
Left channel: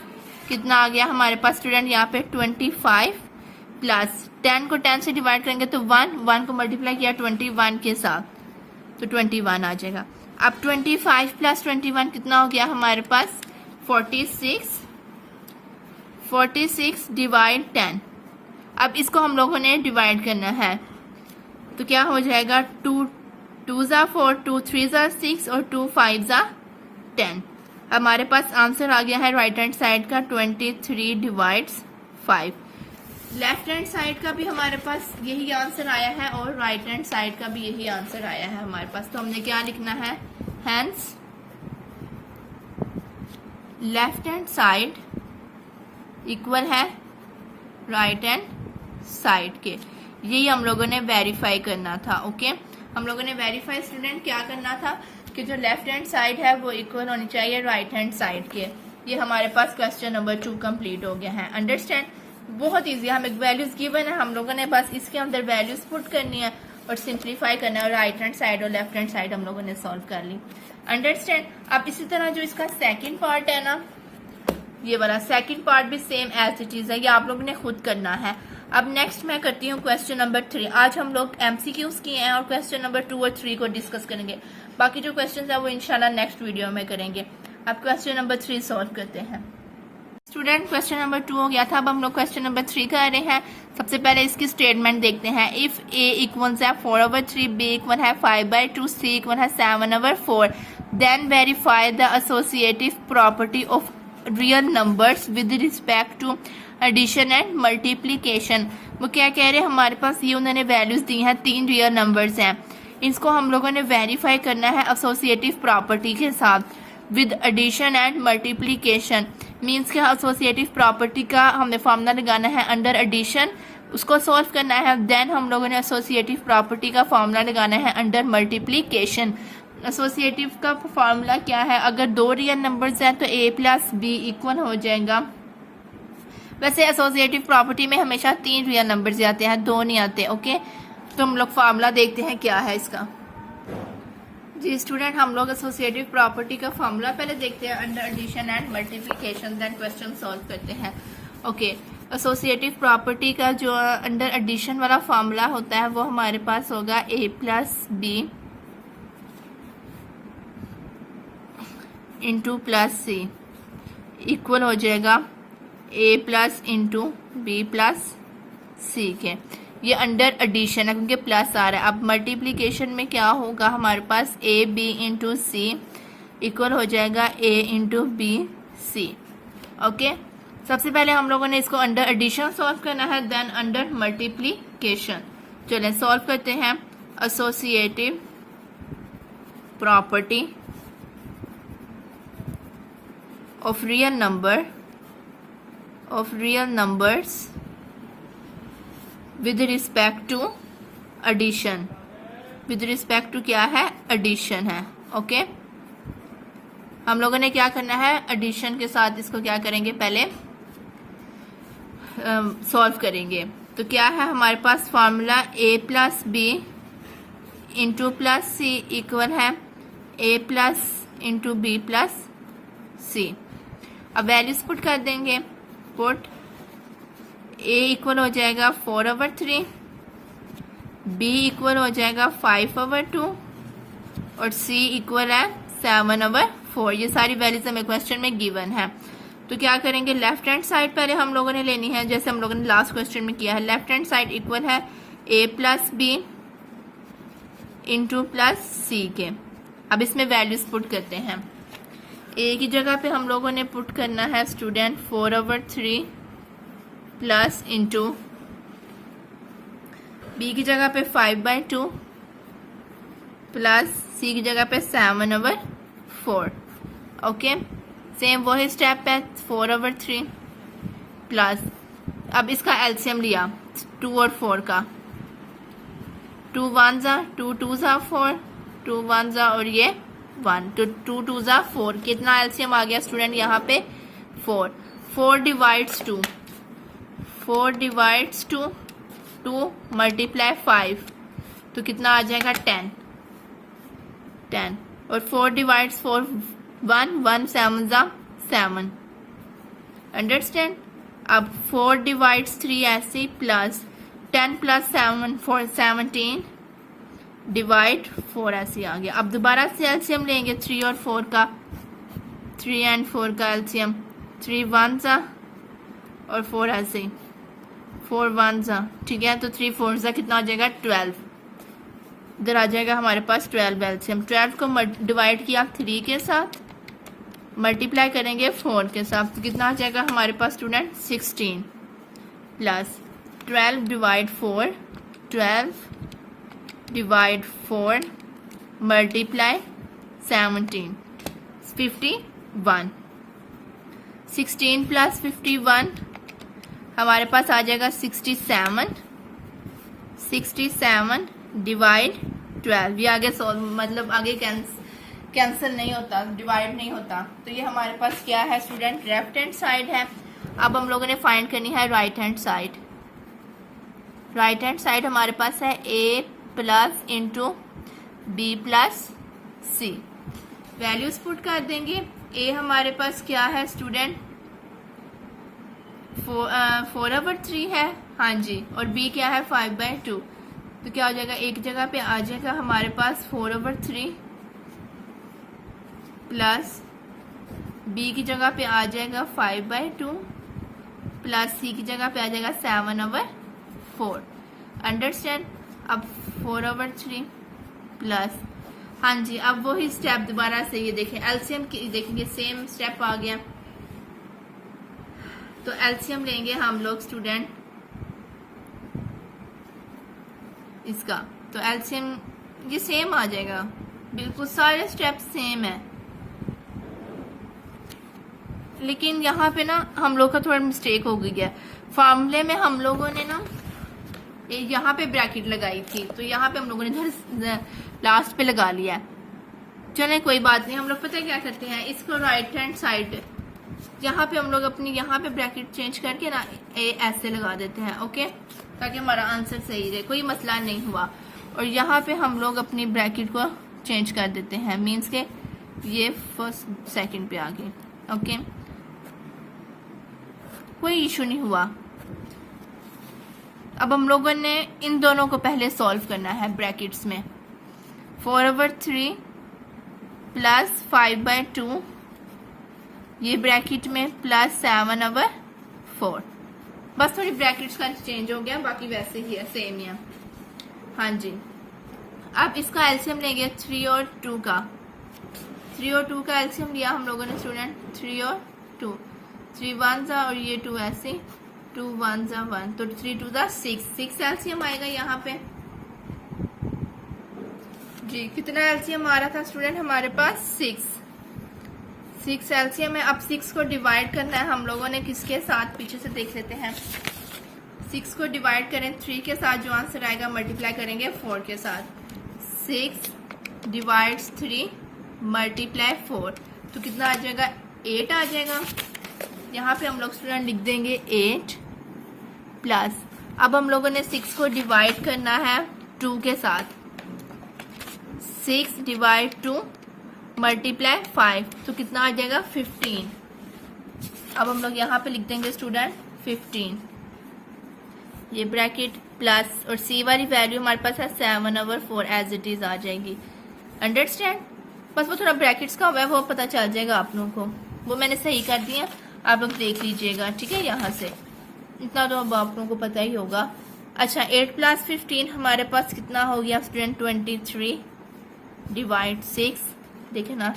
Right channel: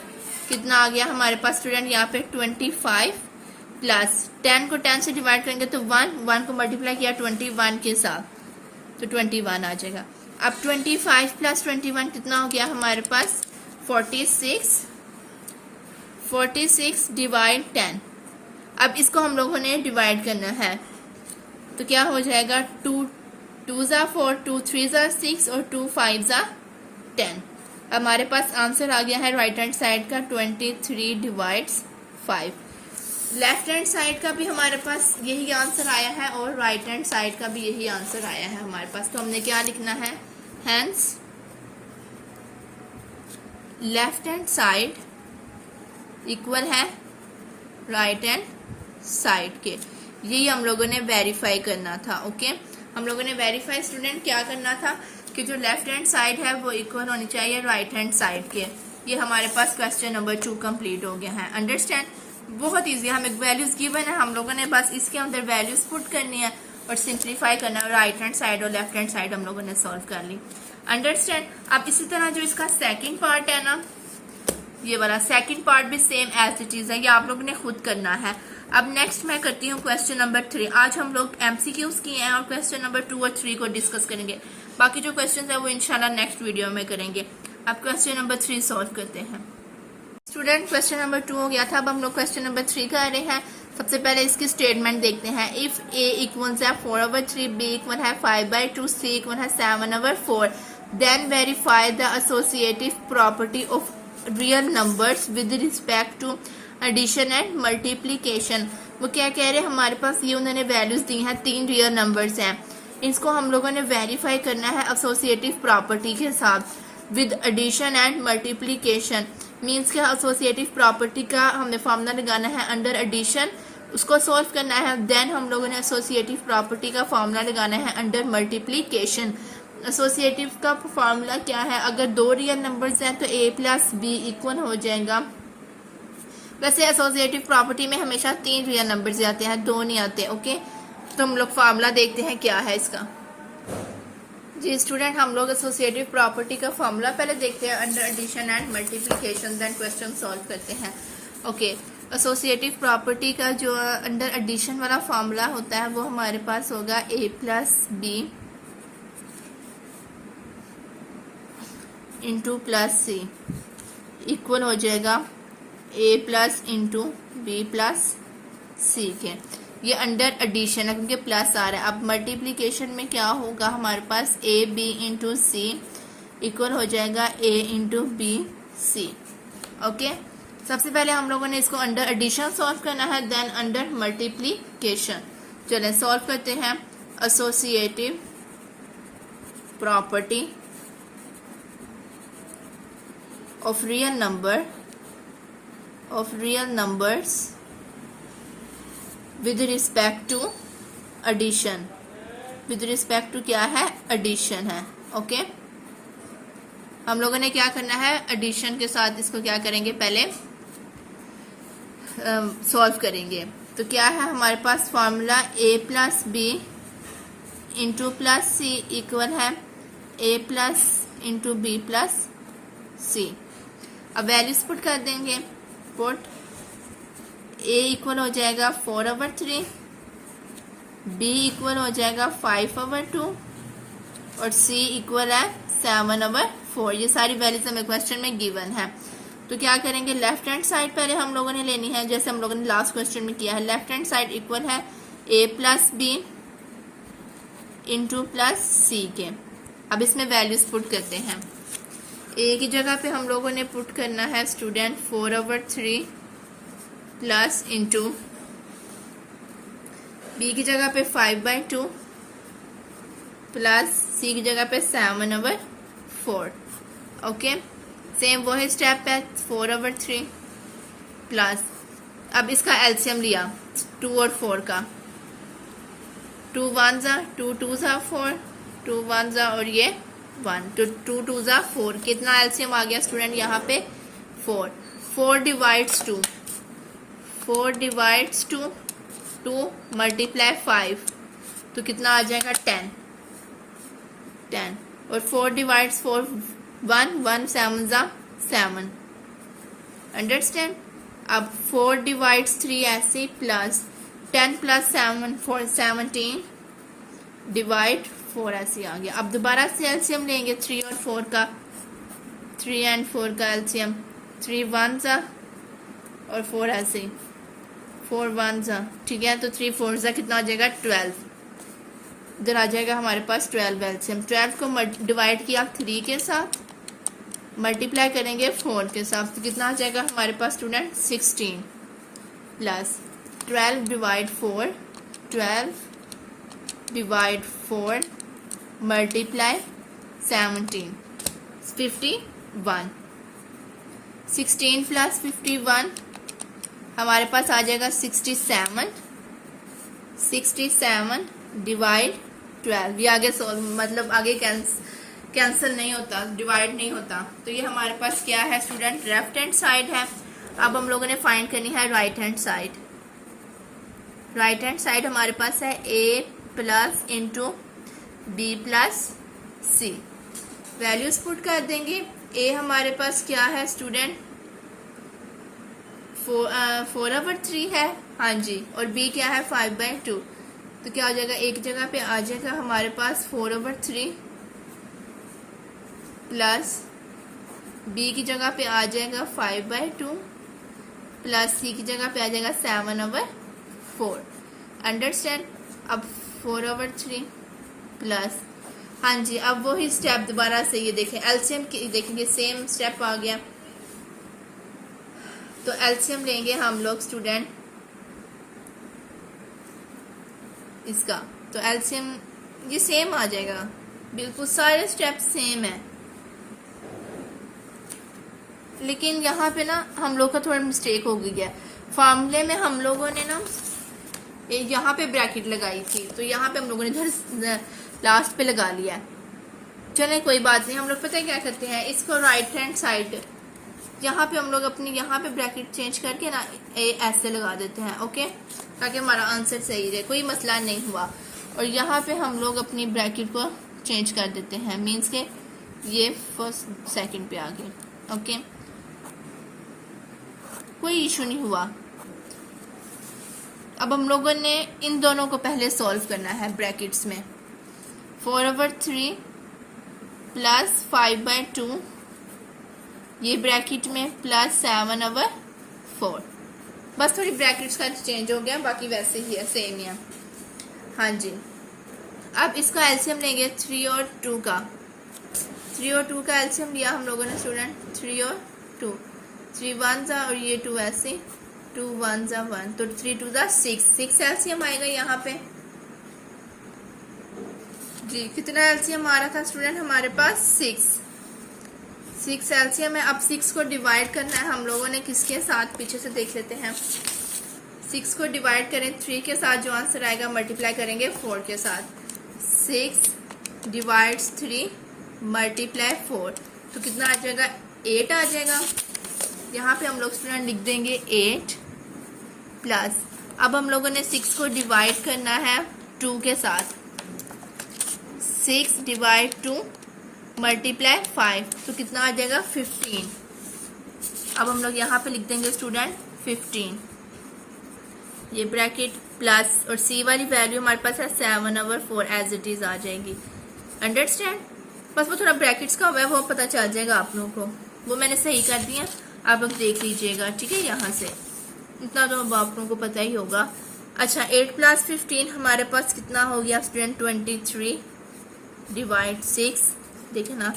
कितना आ गया हमारे पास स्टूडेंट? यहाँ पे 25 प्लस 10 को 10 से डिवाइड करेंगे तो 1 को मल्टीप्लाई किया 21 के साथ, तो 21 आ जाएगा। अब 25 प्लस 21 कितना हो गया हमारे पास? 46 डिवाइड 10। अब इसको हम लोगों ने डिवाइड करना है, तो क्या हो जाएगा? 2 2s are 4, 2 3s are 6 और 2 5s are 10। हमारे पास आंसर आ गया है राइट हैंड साइड का 23 डिवाइड्स 5। लेफ्ट हैंड साइड का भी हमारे पास यही आंसर आया है और राइट हैंड साइड का भी यही आंसर आया है हमारे पास। तो हमने क्या लिखना है? Hence left hand side equal है राइट हैंड साइड के। यही हम लोगों ने वेरीफाई करना था। ओके, हम लोगों ने वेरीफाई स्टूडेंट क्या करना था कि जो लेफ्ट हैंड साइड है वो इक्वल होनी चाहिए राइट हैंड साइड के। ये हमारे पास क्वेश्चन नंबर 2 कंप्लीट हो गया है। अंडरस्टैंड। बहुत इजी है, हम एक वैल्यूज गिवन है, हम लोगों ने बस इसके अंदर वैल्यूज पुट करनी है और सिंप्लीफाई करना है। राइट हैंड साइड और लेफ्ट हैंड साइड हम लोगों ने सॉल्व कर ली। अंडरस्टैंड। अब इसी तरह जो इसका सेकंड पार्ट है ना, ये वाला सेकंड पार्ट भी सेम ऐसी चीज है, ये आप लोगों ने खुद करना है। अब नेक्स्ट मैं करती हूँ क्वेश्चन नंबर 3। आज हम लोग MCQs किए हैं और क्वेश्चन नंबर 2 और 3 को डिस्कस करेंगे। बाकी जो क्वेश्चन है वो इंशाल्लाह नेक्स्ट वीडियो में करेंगे। अब क्वेश्चन नंबर 3 सॉल्व करते हैं। स्टूडेंट क्वेश्चन नंबर 2 हो गया था, अब हम लोग क्वेश्चन नंबर 3 कर रहे हैं। सबसे पहले इसकी स्टेटमेंट देखते हैं। इफ A इक्वल्स है 4/3, B इक्वल है 5/2, C इक्वल है 7/4, then verify the associative property of real numbers with respect to addition and multiplication. वो क्या कह रहे हैं, हमारे पास ये उन्होंने वैल्यूज दी हैं, 3 रियल नंबर्स हैं, इसको हम लोगों ने वेरीफाई करना है एसोसिएटिव प्रॉपर्टी के साथ with addition and multiplication. Means के एसोसिएटिव प्रॉपर्टी का हमें फॉर्मूला लगाना है अंडर एडिशन, उसको सॉल्व करना है। देन हम लोगों ने एसोसिएटिव प्रॉपर्टी का फॉर्मूला लगाना है अंडर मल्टीप्लीकेशन। एसोसिएटिव का फॉर्मूला क्या है, अगर 2 रियल नंबर्स हैं तो A प्लस B इक्वल हो जाएगा। वैसे एसोसिएटिव प्रॉपर्टी में हमेशा 3 रियल नंबर्स आते हैं, 2 नहीं आते। ओके, तो हम लोग फॉर्मूला देखते हैं क्या है इसका। जी स्टूडेंट, हम लोग एसोसिएटिव प्रॉपर्टी का फॉर्मूला पहले देखते हैं under addition and multiplication, then question solve करते हैं। ओके, एसोसिएटिव प्रॉपर्टी का जो अंडर एडिशन वाला फॉर्मूला होता है वो हमारे पास होगा A plus B into plus C equal हो जाएगा A plus into B plus C के। ये अंडर एडिशन है क्योंकि प्लस आ रहा है। अब मल्टीप्लिकेशन में क्या होगा, हमारे पास AB इंटू C इक्वल हो जाएगा A into B C। Okay, सबसे पहले हम लोगों ने इसको अंडर एडिशन सॉल्व करना है, देन अंडर मल्टीप्लिकेशन। चलें सॉल्व करते हैं। Associative property of real numbers with respect to addition. With respect to क्या है, एडिशन है। ओके, हम लोगों ने क्या करना है, एडिशन के साथ इसको क्या करेंगे, पहले सॉल्व करेंगे। तो क्या है हमारे पास formula, A plus B into plus C equal है A plus into B plus C। अब वैल्यूज पुट कर देंगे। पुट A इक्वल हो जाएगा 4/3, B इक्वल हो जाएगा 5/2 और C इक्वल है 7/4। ये सारी वैल्यूज हमें क्वेश्चन में गिवन है। तो क्या करेंगे, लेफ्ट हैंड साइड पहले हम लोगों ने लेनी है, जैसे हम लोगों ने लास्ट क्वेश्चन में किया है। लेफ्ट हैंड साइड इक्वल है A plus B into plus C के। अब इसमें वैल्यूज पुट करते हैं। A की जगह पे हम लोगों ने पुट करना है स्टूडेंट 4/3 प्लस इंटू B की जगह पे 5/2 प्लस C की जगह पे 7/4। ओके, सेम वही स्टेप है, 4/3 प्लस, अब इसका एलसीएम लिया 2 और 4 का, 2 1 जा 2 2 जा 4, 2 1 जा और ये 1, तो 2 2 जा 4। कितना एलसीएम आ गया स्टूडेंट यहाँ पे, 4। 4 डिवाइड्स 2, 4 डिवाइड्स 2 मल्टीप्लाई 5, तो कितना आ जाएगा 10। और 4 डिवाइड्स 4 1 7 जा 7। अंडरस्टैंड। अब 4 डिवाइड्स 3 ऐसे, प्लस 10 प्लस 7 4 17 डिवाइड 4 ऐसे आ गया। अब दोबारा से एलसीएम लेंगे 3 और 4 का, 3 एंड 4 का एलसीएम, 3 1 जा और 4 ऐसे, 4 1 जा, ठीक है। तो 3 4 जा कितना आ जाएगा 12। इधर आ जाएगा हमारे पास 12 एलसीएम। 12 को डिवाइड किया 3 के साथ, मल्टीप्लाई करेंगे 4 के साथ, तो कितना आ जाएगा हमारे पास student 16 plus 12 divide 4, 12 divide 4 multiply 17, 51। 16 plus 51 हमारे पास आ जाएगा 67। 67 डिवाइड 12, ये आगे मतलब आगे कैंसिल नहीं होता, डिवाइड नहीं होता। तो ये हमारे पास क्या है स्टूडेंट, लेफ्ट हैंड साइड है। अब हम लोगों ने फाइंड करनी है right hand side. Right hand side हमारे पास है A plus into B plus C। Values put कर देंगे। A हमारे पास क्या है स्टूडेंट, 4/3 है, हाँ जी, और b क्या है 5/2। तो क्या हो जाएगा, एक जगह पे आ जाएगा हमारे पास 4/3 प्लस b की जगह पे आ जाएगा 5/2 प्लस c की जगह पे आ जाएगा 7/4। अंडरस्टैंड। अब 4/3 प्लस, हाँ जी, अब वही स्टेप दोबारा से ये देखें, एलसीएम देखेंगे, सेम स्टेप आ गया। तो एलसीएम लेंगे हम लोग स्टूडेंट इसका, तो एलसीएम ये सेम आ जाएगा, बिल्कुल सारे स्टेप सेम है। लेकिन यहाँ पे ना हम लोग का थोड़ा मिस्टेक हो गई है। फॉर्मूले में हम लोगों ने ना यहाँ पे ब्रैकेट लगाई थी, तो यहाँ पे हम लोगों ने इधर लास्ट पे लगा लिया है। चले कोई बात नहीं, हम लोग पता है क्या करते हैं, इसको राइट हैंड साइड यहाँ पे हम लोग अपनी यहाँ पे ब्रैकेट चेंज करके ना ऐसे लगा देते हैं, ओके, ताकि हमारा आंसर सही रहे, कोई मसला नहीं हुआ। और यहाँ पे हम लोग अपनी ब्रैकेट को चेंज कर देते हैं, मीन्स के ये फर्स्ट सेकंड पे आ गई, ओके, कोई इशू नहीं हुआ। अब हम लोगों ने इन दोनों को पहले सॉल्व करना है ब्रैकेट्स में। 4/3 प्लस 5/2 ये ब्रैकेट में प्लस 7/4। बस थोड़ी ब्रैकेट्स का चेंज हो गया, बाकी वैसे ही है, सेम ही है, हाँ जी। अब इसका एलसीएम लेंगे 3 और 2 का। 3 और 2 का एलसीएम लिया हम लोगों ने स्टूडेंट, 3 और 2, 3 1 जा और ये 2 ऐसे, 2 1 जा 1, तो 3 2 जा 6 एलसीएम आएगा यहाँ पे जी। कितना एलसीएम आ रहा था स्टूडेंट हमारे पास, 6 एलसीएम है। अब 6 को डिवाइड करना है हम लोगों ने किसके साथ, पीछे से देख लेते हैं। 6 को डिवाइड करें 3 के साथ, जो आंसर आएगा मल्टीप्लाई करेंगे 4 के साथ। 6 डिवाइड्स 3 मल्टीप्लाई 4, तो कितना आ जाएगा, 8 आ जाएगा। यहाँ पे हम लोग स्टूडेंट लिख देंगे 8 प्लस, अब हम लोगों ने 6 को डिवाइड करना है 2 के साथ। 6 डिवाइड 2 मल्टीप्लाई 5, तो कितना आ जाएगा 15। अब हम लोग यहाँ पे लिख देंगे स्टूडेंट 15, ये ब्रैकेट प्लस, और सी वाली वैल्यू हमारे पास है 7/4 एज इट इज आ जाएगी। अंडरस्टैंड। बस वो थोड़ा ब्रैकेट्स का हुआ है, वो पता चल जाएगा आप लोगों को, वो मैंने सही कर दिया, आप लोग देख लीजिएगा, ठीक है। यहाँ से इतना तो अब आप लोगों को पता ही होगा। अच्छा, 8 प्लस 15 हमारे पास कितना हो गया स्टूडेंट, 23 डिवाइड 6, देखें ना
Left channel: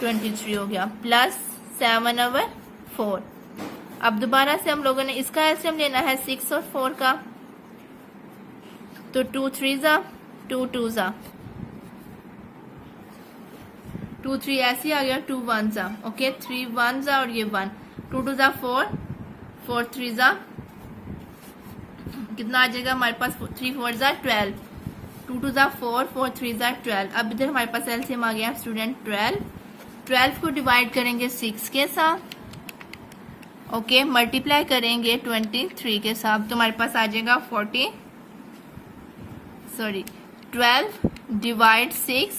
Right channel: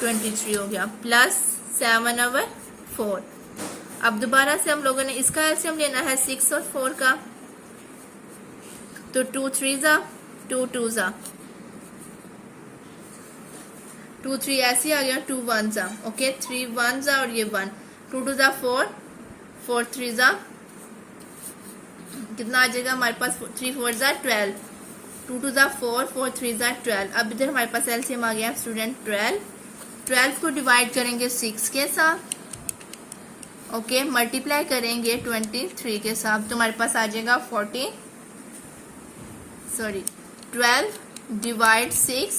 23 हो गया, प्लस 7/4। अब दोबारा से हम लोगों ने इसका एलसीएम लेना है 6 और 4 का, तो 2 3 जा 2 2 जा 2 3 ऐसे आ गया, 2 1 जा, ओके, 3 1 जा और ये 1, 2 2 जा 4 4 3 जा, कितना आ जाएगा हमारे पास, 3 4 जा 12, 2 2 जा 4 4 3 जा 12। अब इधर हमारे पास एलसीएम आ गया स्टूडेंट 12 को डिवाइड करेंगे 6 के साथ, ओके, मल्टीप्लाई करेंगे 23 के साथ, तो हमारे पास आ जाएगा 12 डिवाइड 6,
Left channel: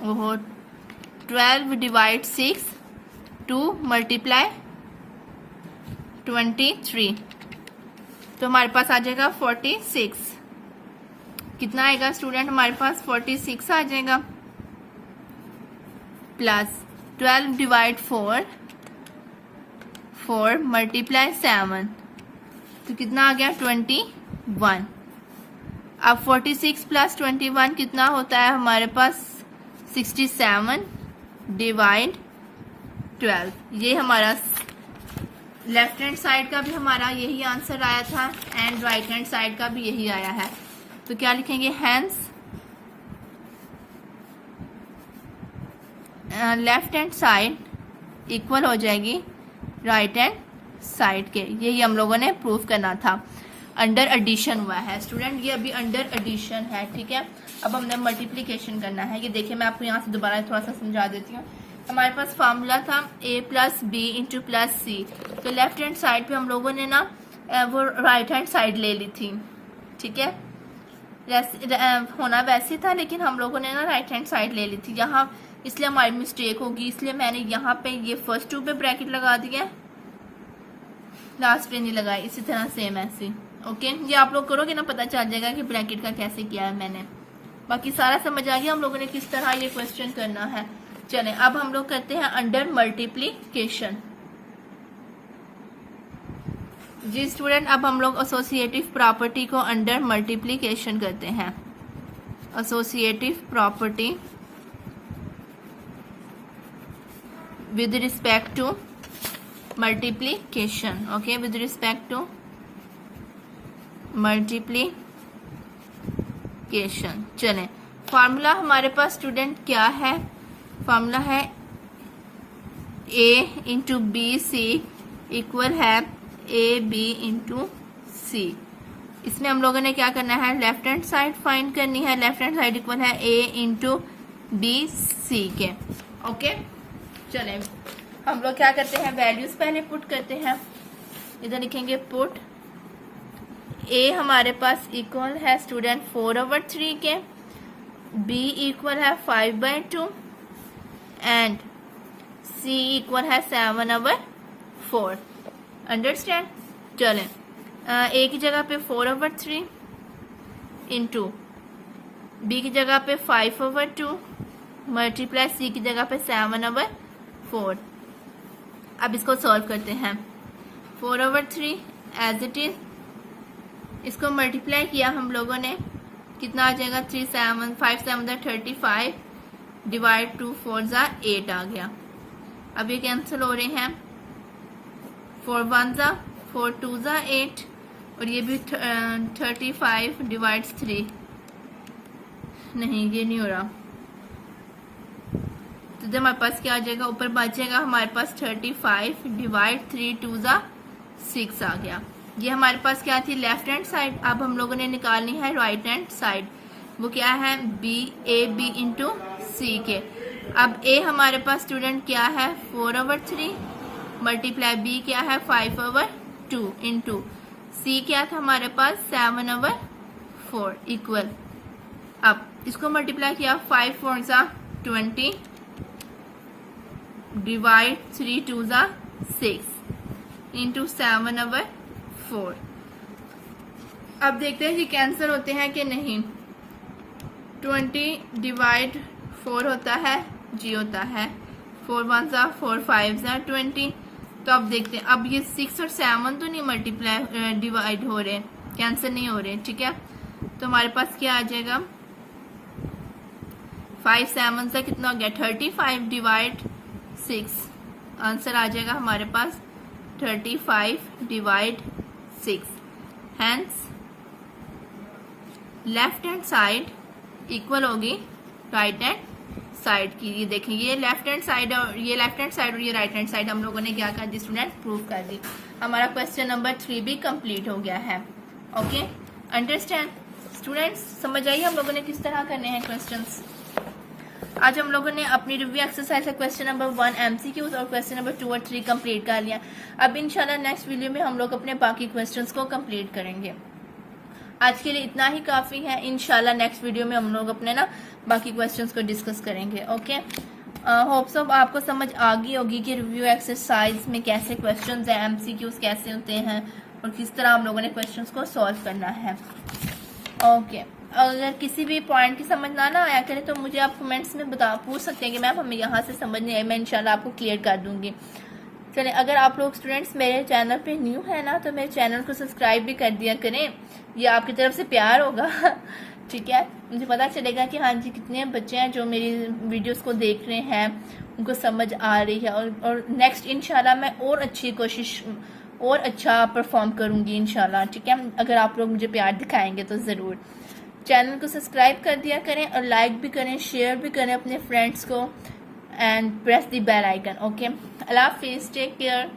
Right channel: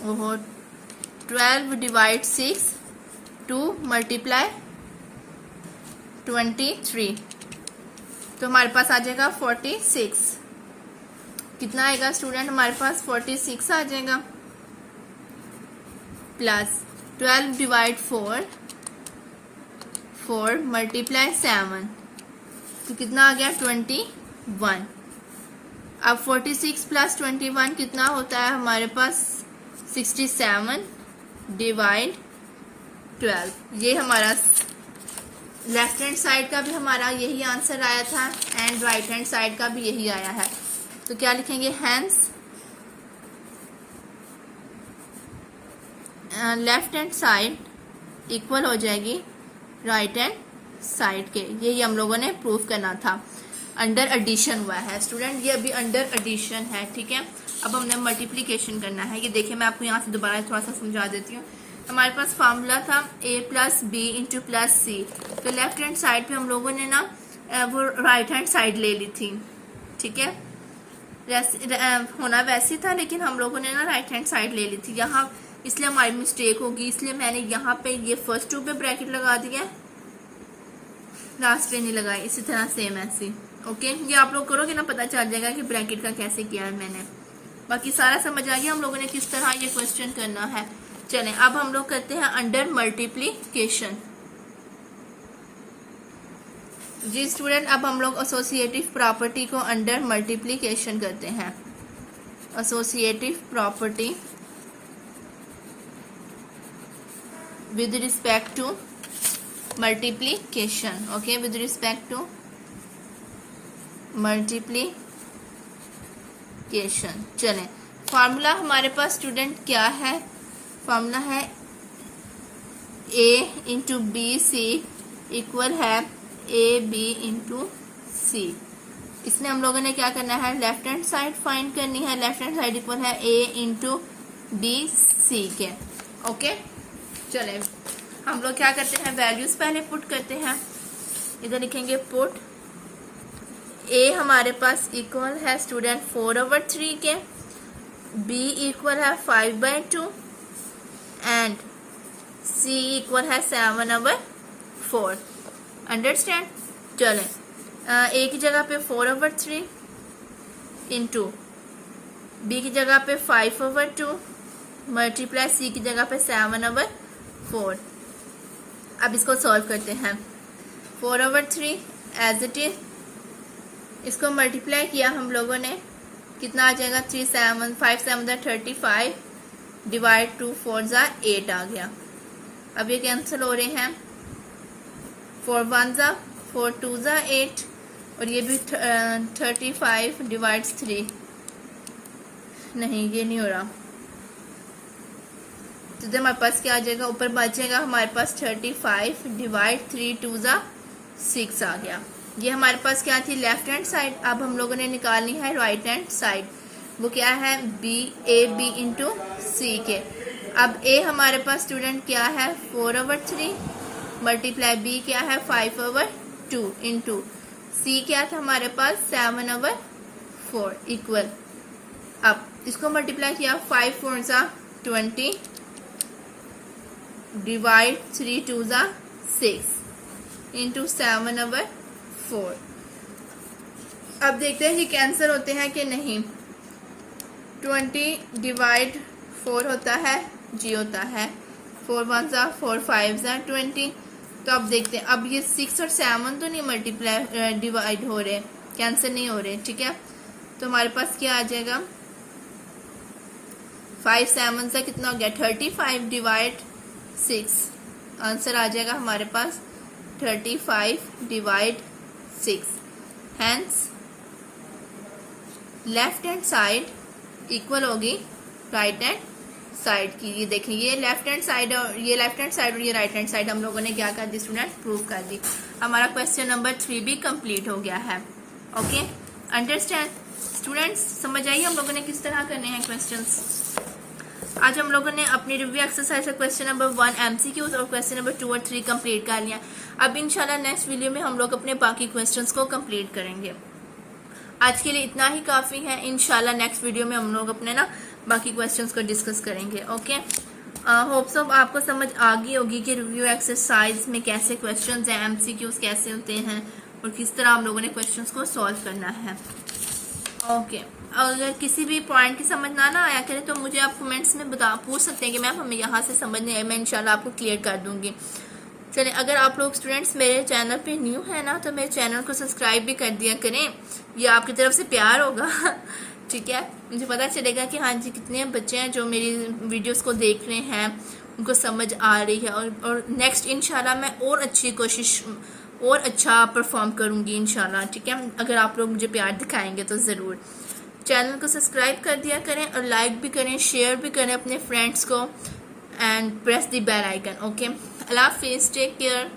वो 12 डिवाइड 6 2 मल्टीप्लाई 23, तो हमारे पास आ जाएगा 46। कितना आएगा स्टूडेंट हमारे पास, 46 आ जाएगा, प्लस 12 डिवाइड 4 मल्टीप्लाई 7, तो कितना आ गया 21। अब 46 प्लस 21 कितना होता है हमारे पास, 67 डिवाइड 12। ये हमारा लेफ्ट हैंड साइड का भी हमारा यही आंसर आया था एंड राइट हैंड साइड का भी यही आया है, तो क्या लिखेंगे, hence left hand side equal हो जाएगी राइट हैंड साइड के। यही हम लोगों ने प्रूफ करना था। अंडर एडिशन हुआ है स्टूडेंट, ये अभी अंडर एडिशन है, ठीक है। अब हमने मल्टीप्लिकेशन करना है। ये देखिए मैं आपको यहाँ से दोबारा थोड़ा सा समझा देती हूँ। हमारे पास फॉर्मूला था a plus B into plus C, तो लेफ्ट हैंड साइड पे हम लोगों ने ना वो राइट हैंड साइड ले ली थी, ठीक है। होना वैसे था लेकिन हम लोगों ने ना राइट हैंड साइड ले ली थी। यहाँ इसलिए हमारी मिस्टेक होगी, इसलिए मैंने यहाँ पे ये फर्स्ट टू पे ब्रैकेट लगा दिया, लास्ट पे नहीं लगाई। इसी तरह सेम ऐसे। ओके, ये आप लोग करोगे ना, पता चल जाएगा कि ब्रैकेट का कैसे किया है मैंने। बाकी सारा समझ आ गया हम लोगों ने किस तरह ये क्वेश्चन करना है। चलें अब हम लोग करते हैं अंडर मल्टीप्लीकेशन। जी स्टूडेंट, अब हम लोग एसोसिएटिव प्रॉपर्टी को अंडर मल्टीप्लीकेशन करते हैं। Associative property with respect to multiplication. Okay, with respect to multiplication. चलें, फार्मूला हमारे पास स्टूडेंट क्या है? फार्मूला है a into b c equal है ए बी इंटू सी। इसमें हम लोगों ने क्या करना है, लेफ्ट हैंड साइड फाइंड करनी है। लेफ्ट हैंड साइड इक्वल है a इंटू बी सी के। ओके, चले हम लोग क्या करते हैं, वैल्यूज पहले पुट करते हैं। इधर लिखेंगे पुट a हमारे पास इक्वल है स्टूडेंट 4/3 के, b इक्वल है 5/2 एंड c इक्वल है 7/4। अंडरस्टैंड? चले a की जगह पे 4/3 इंटू b की जगह पे 5/2 मल्टीप्लाई c की जगह पे 7/4। अब इसको सॉल्व करते हैं। 4/3 एज इट इज, इसको मल्टीप्लाई किया हम लोगों ने, कितना आ जाएगा 3 7 5 7 35 डिवाइड 2 4 8 आ गया। अब ये कैंसिल हो रहे हैं, 4 1 4 2 8 और ये भी 35 डिवाइड 3, नहीं ये नहीं हो रहा। तो जब हमारे पास क्या आ जाएगा, ऊपर बचेगा हमारे पास 35 डिवाइड 3 2 6 आ गया। ये हमारे पास क्या थी, लेफ्ट हैंड साइड। अब हम लोगों ने निकालनी है राइट हैंड साइड, वो क्या है बी ए बी इंटू सी के। अब ए हमारे पास स्टूडेंट क्या है 4/3 मल्टीप्लाई बी क्या है 5/2 इंटू सी क्या था हमारे पास 7/4 इक्वल। अब इसको मल्टीप्लाई किया 5 4 20 डिवाइड 3 2 6 इंटू 7/4। अब देखते हैं कि कैंसिल होते हैं कि नहीं। 20 डिवाइड 4 होता है, जी होता है, 4 1 4 5 20। तो अब देखते हैं, अब ये 6 और 7 तो नहीं मल्टीप्लाई डिवाइड हो रहे, कैंसिल नहीं हो रहे, ठीक है। तो हमारे पास क्या आ जाएगा, 5 7 से कितना हो गया 35 डिवाइड 6, आंसर आ जाएगा हमारे पास 35 divide 6। Hence left hand side equal होगी राइट हैंड साइड की। ये देखिए, ये लेफ्ट हैंड साइड और ये लेफ्ट हैंड साइड और ये राइट हैंड साइड हम लोगों ने क्या कर दी स्टूडेंट, प्रूव कर दी। हमारा क्वेश्चन नंबर 3 भी कंप्लीट हो गया है। Okay, understand students? समझ आइए हम लोगों ने किस तरह करने हैं क्वेश्चंस। आज हम लोगों ने अपनी रिव्यू एक्सरसाइज का क्वेश्चन नंबर 1 MCQs और क्वेश्चन नंबर 2 और 3 कंप्लीट कर लिया। अब इंशाल्लाह नेक्स्ट वीडियो में हम लोग अपने बाकी क्वेश्चंस को कंप्लीट करेंगे। आज के लिए इतना ही काफी है। इंशाल्लाह नेक्स्ट वीडियो में हम लोग अपने ना बाकी क्वेश्चंस को डिस्कस करेंगे। ओके, होप सो आपको समझ आ गई होगी कि रिव्यू एक्सरसाइज में कैसे क्वेश्चंस हैं, MCQs कैसे होते हैं और किस तरह हम लोगों ने क्वेश्चंस को सॉल्व करना है। ओके, अगर किसी भी पॉइंट की समझ ना आया करे तो मुझे आप कमेंट्स में पूछ सकते हैं कि मैम हमें यहाँ से समझ नहीं आई, मैं इंशाल्लाह आपको क्लियर कर दूंगी। चलें, अगर आप लोग स्टूडेंट्स मेरे चैनल पे न्यू है ना तो मेरे चैनल को सब्सक्राइब भी कर दिया करें, ये आपकी तरफ से प्यार होगा ठीक है। मुझे पता चलेगा कि हाँ जी कितने बच्चे हैं जो मेरी वीडियोस को देख रहे हैं, उनको समझ आ रही है और नेक्स्ट इंशाल्लाह मैं और अच्छी कोशिश और अच्छा परफॉर्म करूँगी इंशाल्लाह, ठीक है। अगर आप लोग मुझे प्यार दिखाएंगे तो ज़रूर। चैनल को सब्सक्राइब कर दिया करें और लाइक भी करें, शेयर भी करें अपने फ्रेंड्स को and press the bell icon. Okay, अल्लाह हाफिज़, टेक केयर।